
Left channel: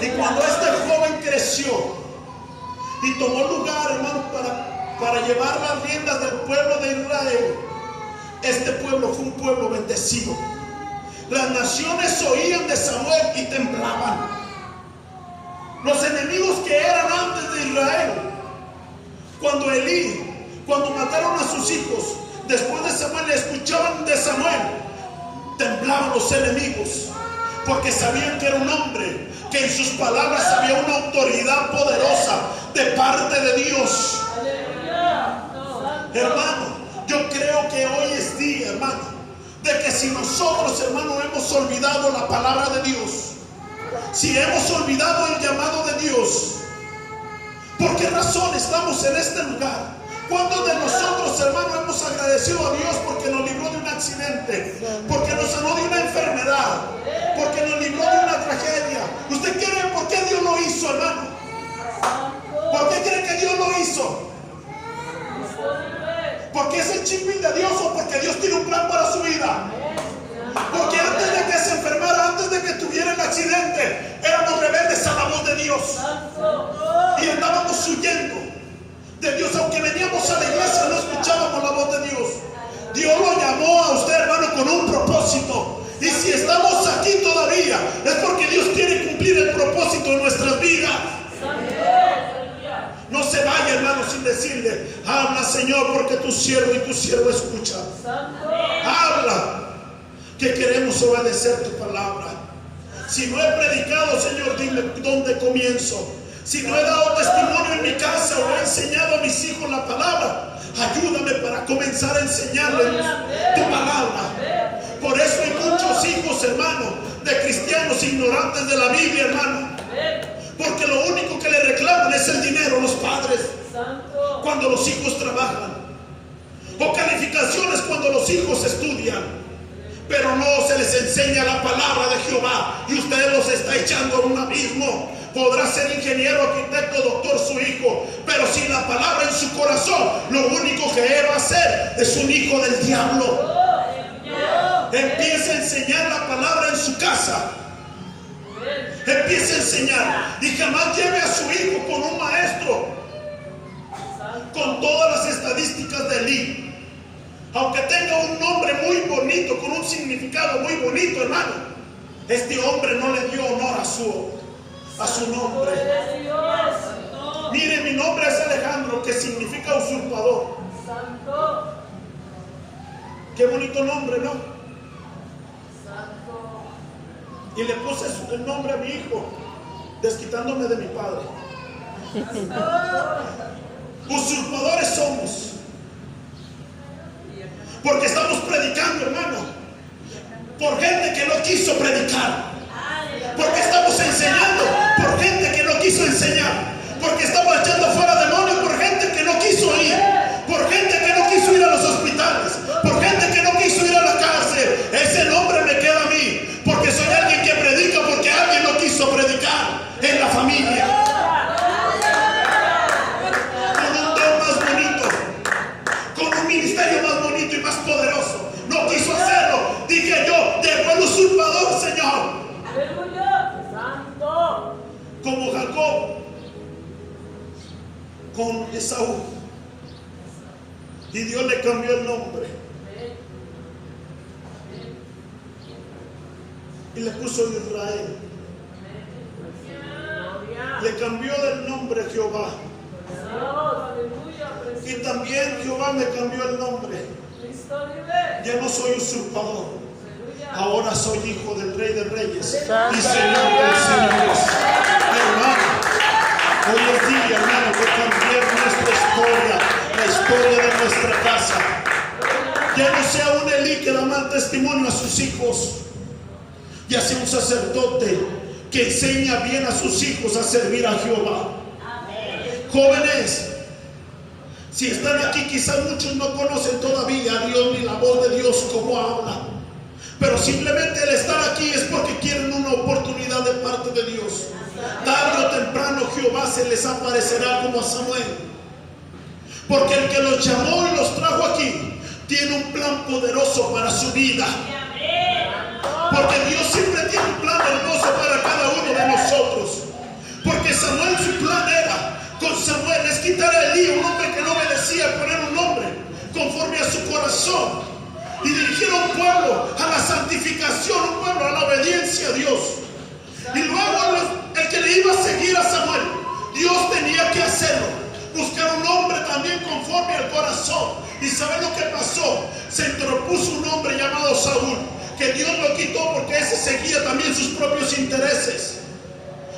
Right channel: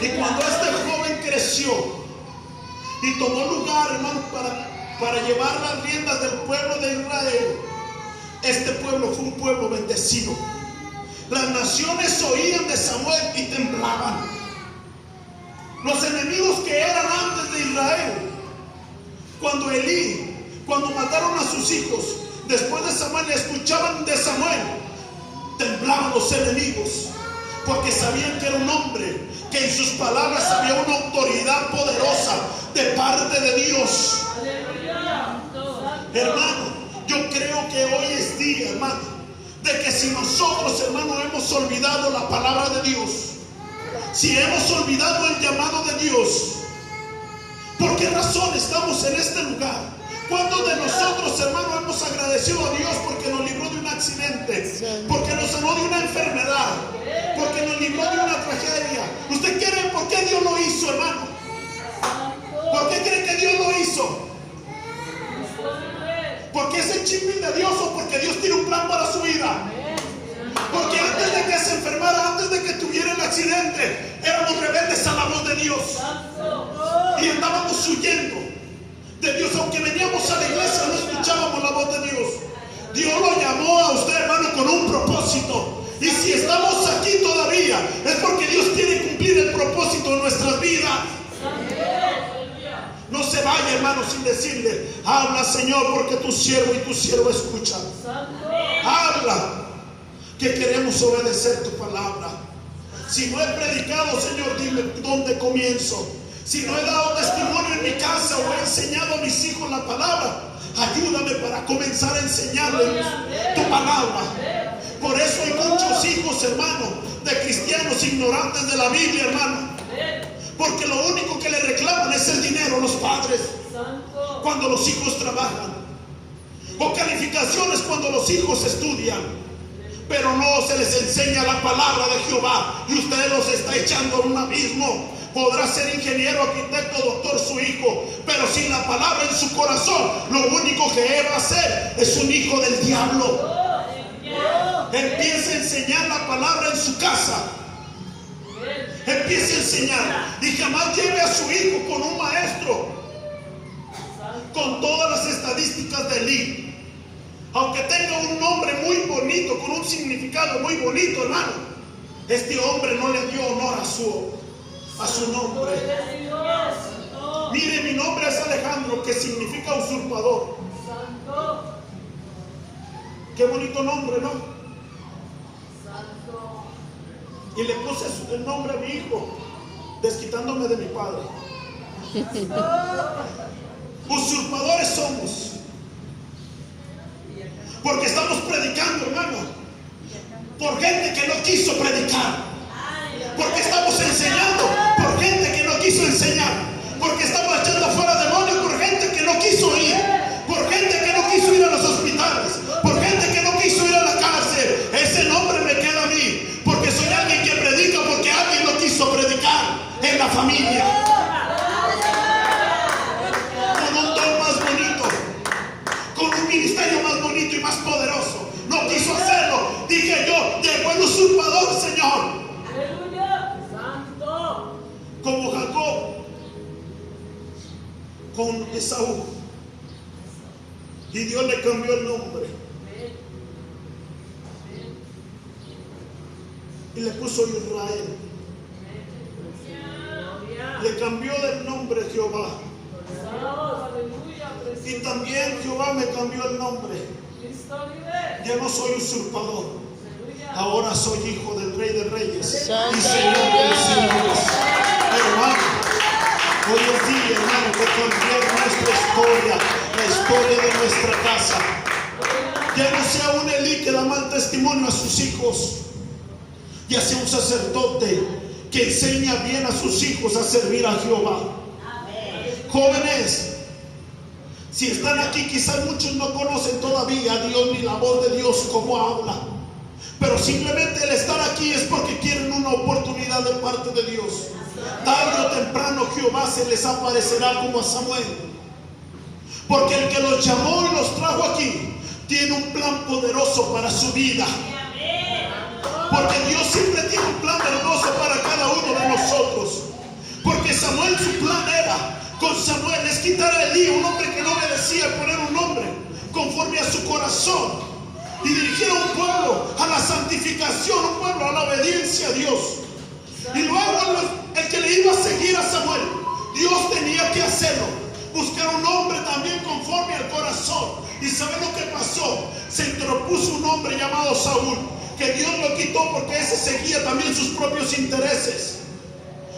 Y cuando este joven creció y tomó lugar, hermano, para llevar las riendas del pueblo de Israel, este pueblo fue un pueblo bendecido. Las naciones oían de Samuel y temblaban. Los enemigos que eran antes de Israel, cuando mataron a sus hijos, después de Samuel, escuchaban de Samuel, temblaban los enemigos, porque sabían que era un hombre, que en sus palabras había una autoridad poderosa de parte de Dios. Hermano, yo creo que hoy es día, hermano, de que si nosotros, hermano, hemos olvidado la palabra de Dios, si hemos olvidado el llamado de Dios, ¿por qué razón estamos en este lugar? ¿Cuántos de nosotros, hermano, hemos agradecido a Dios porque nos libró de un accidente, porque nos sanó de una enfermedad, porque nos libró de una tragedia? ¿Usted quiere por qué Dios lo hizo, hermano? ¿Por qué cree que Dios lo hizo? ¿Porque es el chiquín de Dios o porque Dios tiene un plan para su vida? Porque antes de que se enfermara, antes de que tuviera el accidente, éramos rebeldes a la voz de Dios y andábamos huyendo de Dios. Aunque veníamos a la iglesia, no escuchábamos la voz de Dios. Dios lo llamó a usted, hermano, con un propósito. Y si estamos aquí todavía, es porque Dios quiere cumplir el propósito en nuestras vidas. No se vaya, hermano, sin decirle: habla, Señor, porque tu siervo y tu siervo escuchan. Habla, que queremos obedecer tu palabra. Si no he predicado, Señor, dime dónde comienzo. Si no he dado testimonio en mi casa o he enseñado a mis hijos la palabra, ayúdame para comenzar a enseñarles tu palabra. Por eso hay muchos hijos, hermano, de cristianos ignorantes de la Biblia, hermano. Porque lo único que le reclaman es el dinero los padres Santo. cuando los hijos trabajan, o calificaciones cuando los hijos estudian, pero no se les enseña la palabra de Jehová y usted los está echando a un abismo. Podrá ser ingeniero, arquitecto, doctor su hijo, pero sin la palabra en su corazón, lo único que él va a ser es un hijo del diablo. Empieza a enseñar la palabra en su casa. Empieza a enseñar y jamás lleve a su hijo con un maestro con todas las estadísticas de élite. Aunque tenga un nombre muy bonito, con un significado muy bonito, hermano, este hombre no le dio honor a su nombre. Mire, mi nombre es Alejandro, que significa usurpador. Santo. Qué bonito nombre, ¿no? Santo. Y le puse el nombre a mi hijo, desquitándome de mi padre. Usurpadores somos, porque estamos predicando, hermano, por gente que no quiso predicar, porque estamos enseñando por gente que no quiso enseñar, porque estamos echando fuera demonios por gente que no quiso ir, por gente que no quiso ir a los hospitales, por gente que no quiso ir a la cárcel. Ese nombre me queda a mí, porque soy alguien que predica, porque alguien no quiso predicar en la familia. Ministerio más bonito y más poderoso, no quiso hacerlo. Dije yo, dejó el usurpador, Señor. Aleluya. Santo. Como Jacob con Esaú, y Dios le cambió el nombre y le puso Israel. Le cambió el nombre Jehová. Y también Jehová me cambió el nombre. Ya no soy usurpador, ahora soy hijo del Rey de Reyes y Señor de los Señores. Hermano, hoy es día, hermano, que cambiar nuestra historia, la historia de nuestra casa. Ya no sea un Elí que da mal testimonio a sus hijos, ya sea un sacerdote que enseña bien a sus hijos a servir a Jehová. Jóvenes, si están aquí, quizás muchos no conocen todavía a Dios ni la voz de Dios como habla, pero simplemente el estar aquí es porque quieren una oportunidad de parte de Dios. Tarde o temprano Jehová se les aparecerá como a Samuel, porque el que los llamó y los trajo aquí tiene un plan poderoso para su vida, porque Dios siempre tiene un plan hermoso para cada uno de nosotros. Porque Samuel, su plan era con Samuel es quitar a Elí, un hombre que no obedecía, poner un nombre conforme a su corazón y dirigir a un pueblo a la santificación, un pueblo a la obediencia a Dios. Y luego el que le iba a seguir a Samuel, Dios tenía que hacerlo, buscar un hombre también conforme al corazón. ¿Y sabe lo que pasó? Se interpuso un hombre llamado Saúl, que Dios lo quitó porque ese seguía también sus propios intereses.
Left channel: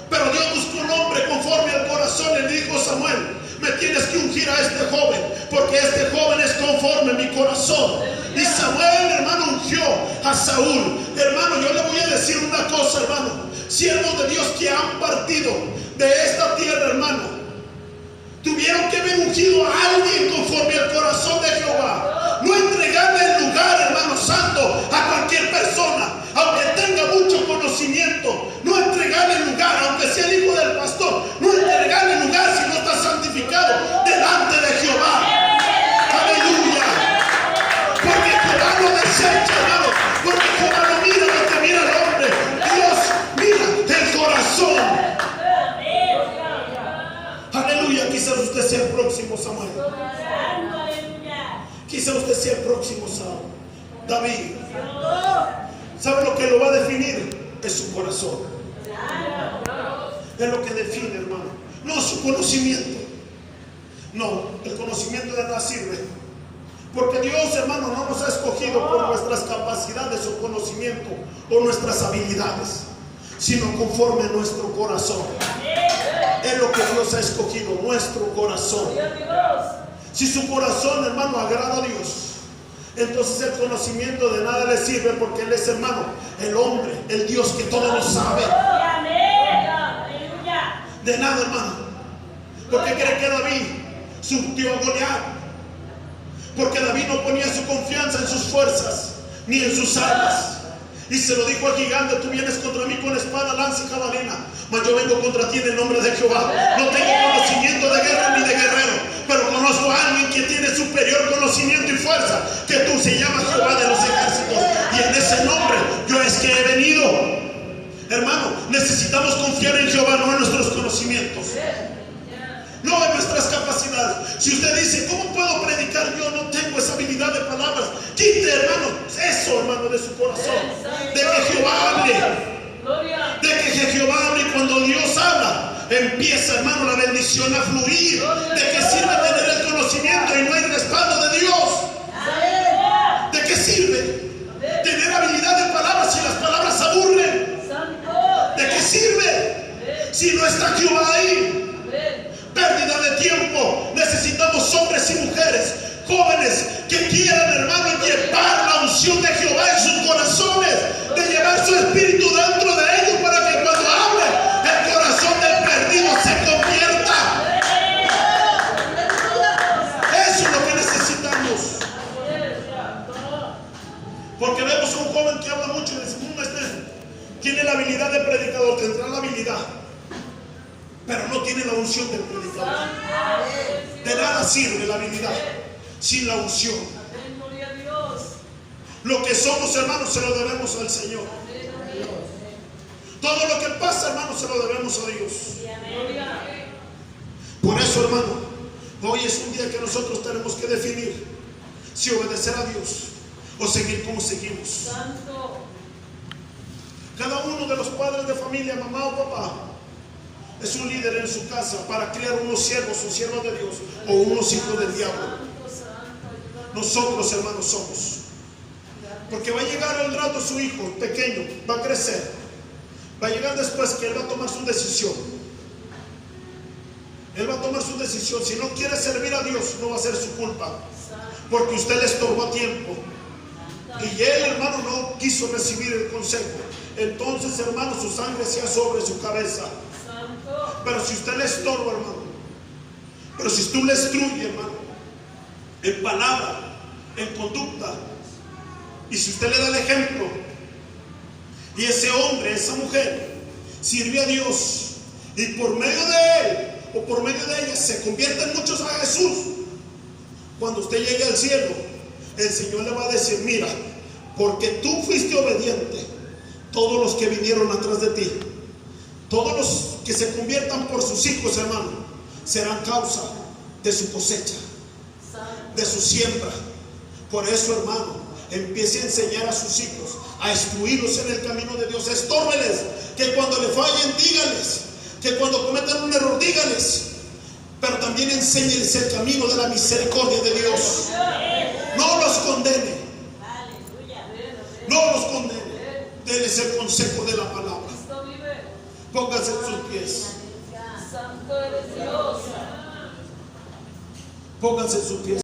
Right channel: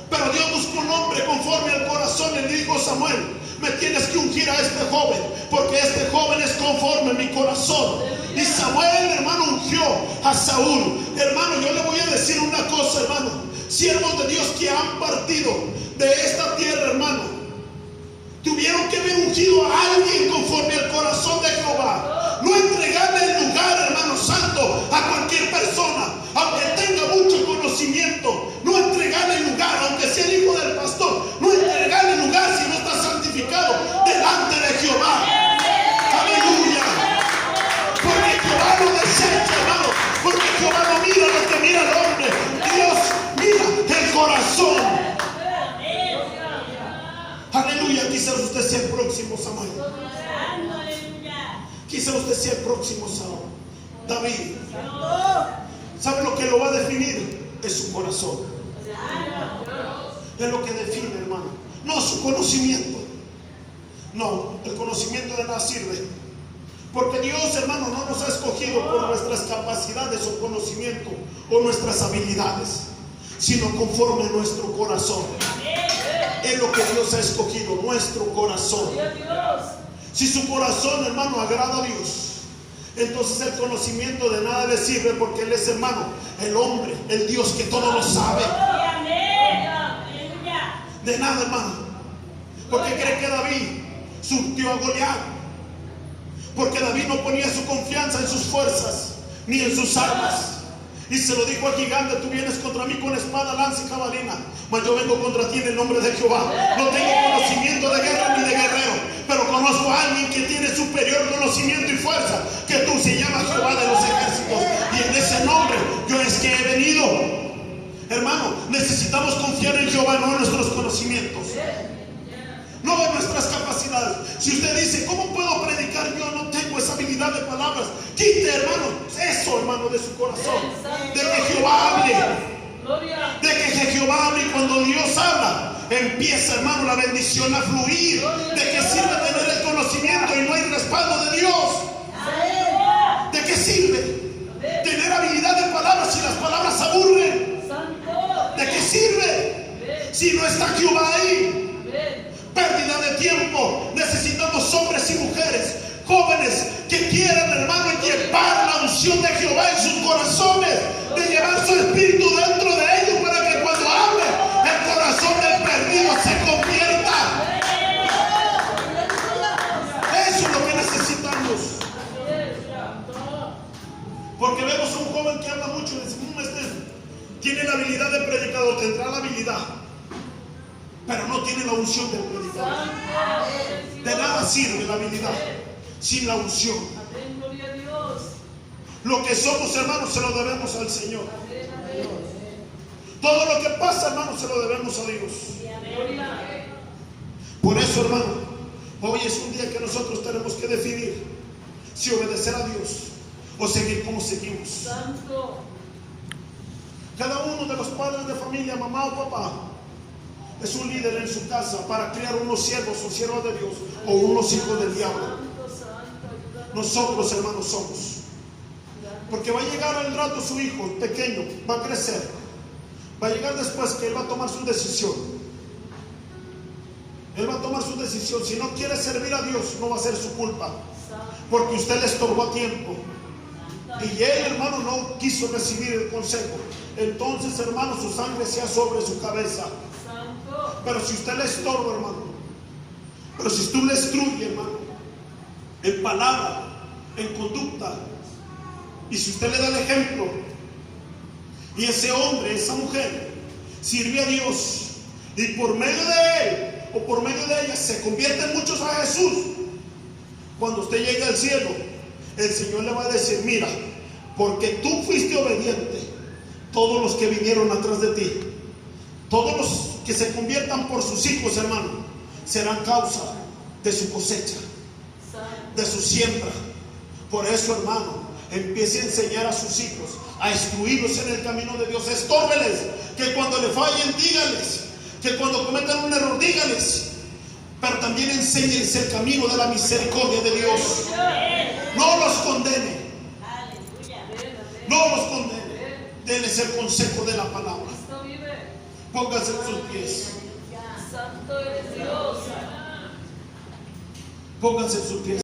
Pero Dios buscó un hombre conforme al corazón y le dijo a Samuel: me tienes que ungir a este joven, porque este joven es conforme a mi corazón. Y Samuel, hermano, ungió a Saúl. Hermano, yo le voy a decir una cosa, hermano. Siervos de Dios que han partido de esta tierra, hermano, tuvieron que haber ungido a alguien conforme al corazón de Jehová. No entregarle el lugar, hermano santo, a cualquier persona, aunque tenga mucho conocimiento. No entregarle el lugar, aunque sea el hijo del pastor. No entregarle el lugar si no está santificado delante de Jehová. Aleluya. Porque Jehová lo desecha, hermano. Porque Jehová no mira lo que mira el hombre. Dios mira el corazón. Aleluya. Quizás usted sea el próximo Samuel. Quizás usted sea el próximo David. ¿Sabe lo que lo va a definir? Es su corazón. Es lo que define, hermano. No su conocimiento. No, el conocimiento de nada sirve. Porque Dios, hermano, no nos ha escogido por nuestras capacidades o conocimiento o nuestras habilidades, sino conforme a nuestro corazón. Es lo que Dios ha escogido, nuestro corazón. Si su corazón, hermano, agrada a Dios, entonces el conocimiento de nada le sirve, porque Él es, hermano, el hombre, el Dios que todo lo sabe. De nada, hermano. Porque cree que David surtió a Goliat. Porque David no ponía su confianza en sus fuerzas ni en sus armas. Y se lo dijo al gigante: tú vienes contra mí con espada, lanza y jabalina, mas yo vengo contra ti en el nombre de Jehová. No tengo conocimiento de guerra ni de guerrero, pero conozco a alguien que tiene superior conocimiento y fuerza que tú. Se llama Jehová de los ejércitos, y en ese nombre yo es que he venido. Hermano, necesitamos confiar en Jehová, no en nuestros conocimientos, no en nuestras capacidades. Si usted dice: ¿cómo puedo predicar? Yo no tengo esa habilidad de palabras. Quite, hermano, eso, hermano, de su corazón. De que Jehová hable. De que Jehová hable. Y cuando Dios habla, empieza, hermano, la bendición a fluir. ¿De qué sirve tener el conocimiento y no hay respaldo de Dios? ¿De qué sirve tener habilidad de palabras si las palabras aburren? ¿De qué sirve si no está Jehová ahí? Pérdida de tiempo. Necesitamos hombres y mujeres, jóvenes, que quieran, hermano, llevar la unción de Jehová en sus corazones, de llevar su espíritu dentro de ellos, para que cuando hable, el corazón del perdido se convierta. Eso es lo que necesitamos. Porque vemos a un joven que habla mucho y le decimos: tiene la habilidad de predicador, tendrá la habilidad, pero no tiene la unción del predicador. De nada sirve la habilidad sin la unción. Lo que somos, hermanos, se lo debemos al Señor. Todo lo que pasa, hermanos, se lo debemos a Dios. Por eso, hermano, hoy es un día que nosotros tenemos que definir si obedecer a Dios o seguir como seguimos. Cada uno de los padres de familia, mamá o papá, es un líder en su casa para criar unos siervos o siervas de Dios o unos hijos del diablo. Nosotros, hermanos, somos. Porque va a llegar el rato su hijo pequeño, va a crecer. Va a llegar después que él va a tomar su decisión. Él va a tomar su decisión. Si no quiere servir a Dios, no va a ser su culpa, porque usted le estorbó a tiempo. Y él, hermano, no quiso recibir el consejo. Entonces, hermano, su sangre sea sobre su cabeza. Pero si usted le estorba, hermano, pero si tú le instruye, hermano, en palabra, en conducta, y si usted le da el ejemplo, y ese hombre, esa mujer, sirve a Dios, y por medio de él o por medio de ella se convierten muchos a Jesús, cuando usted llegue al cielo, el Señor le va a decir: mira, porque tú fuiste obediente, todos los que vinieron atrás de ti, todos los que se conviertan por sus hijos, hermano, serán causa de su cosecha, de su siembra. Por eso, hermano, empiece a enseñar a sus hijos, a instruirlos en el camino de Dios. Estórbeles, que cuando le fallen, díganles, que cuando cometan un error, díganles, pero también enséñenles el camino de la misericordia de Dios. No los condene, no los condene. Denles el consejo de la palabra. Pónganse en sus pies. Pónganse en sus pies.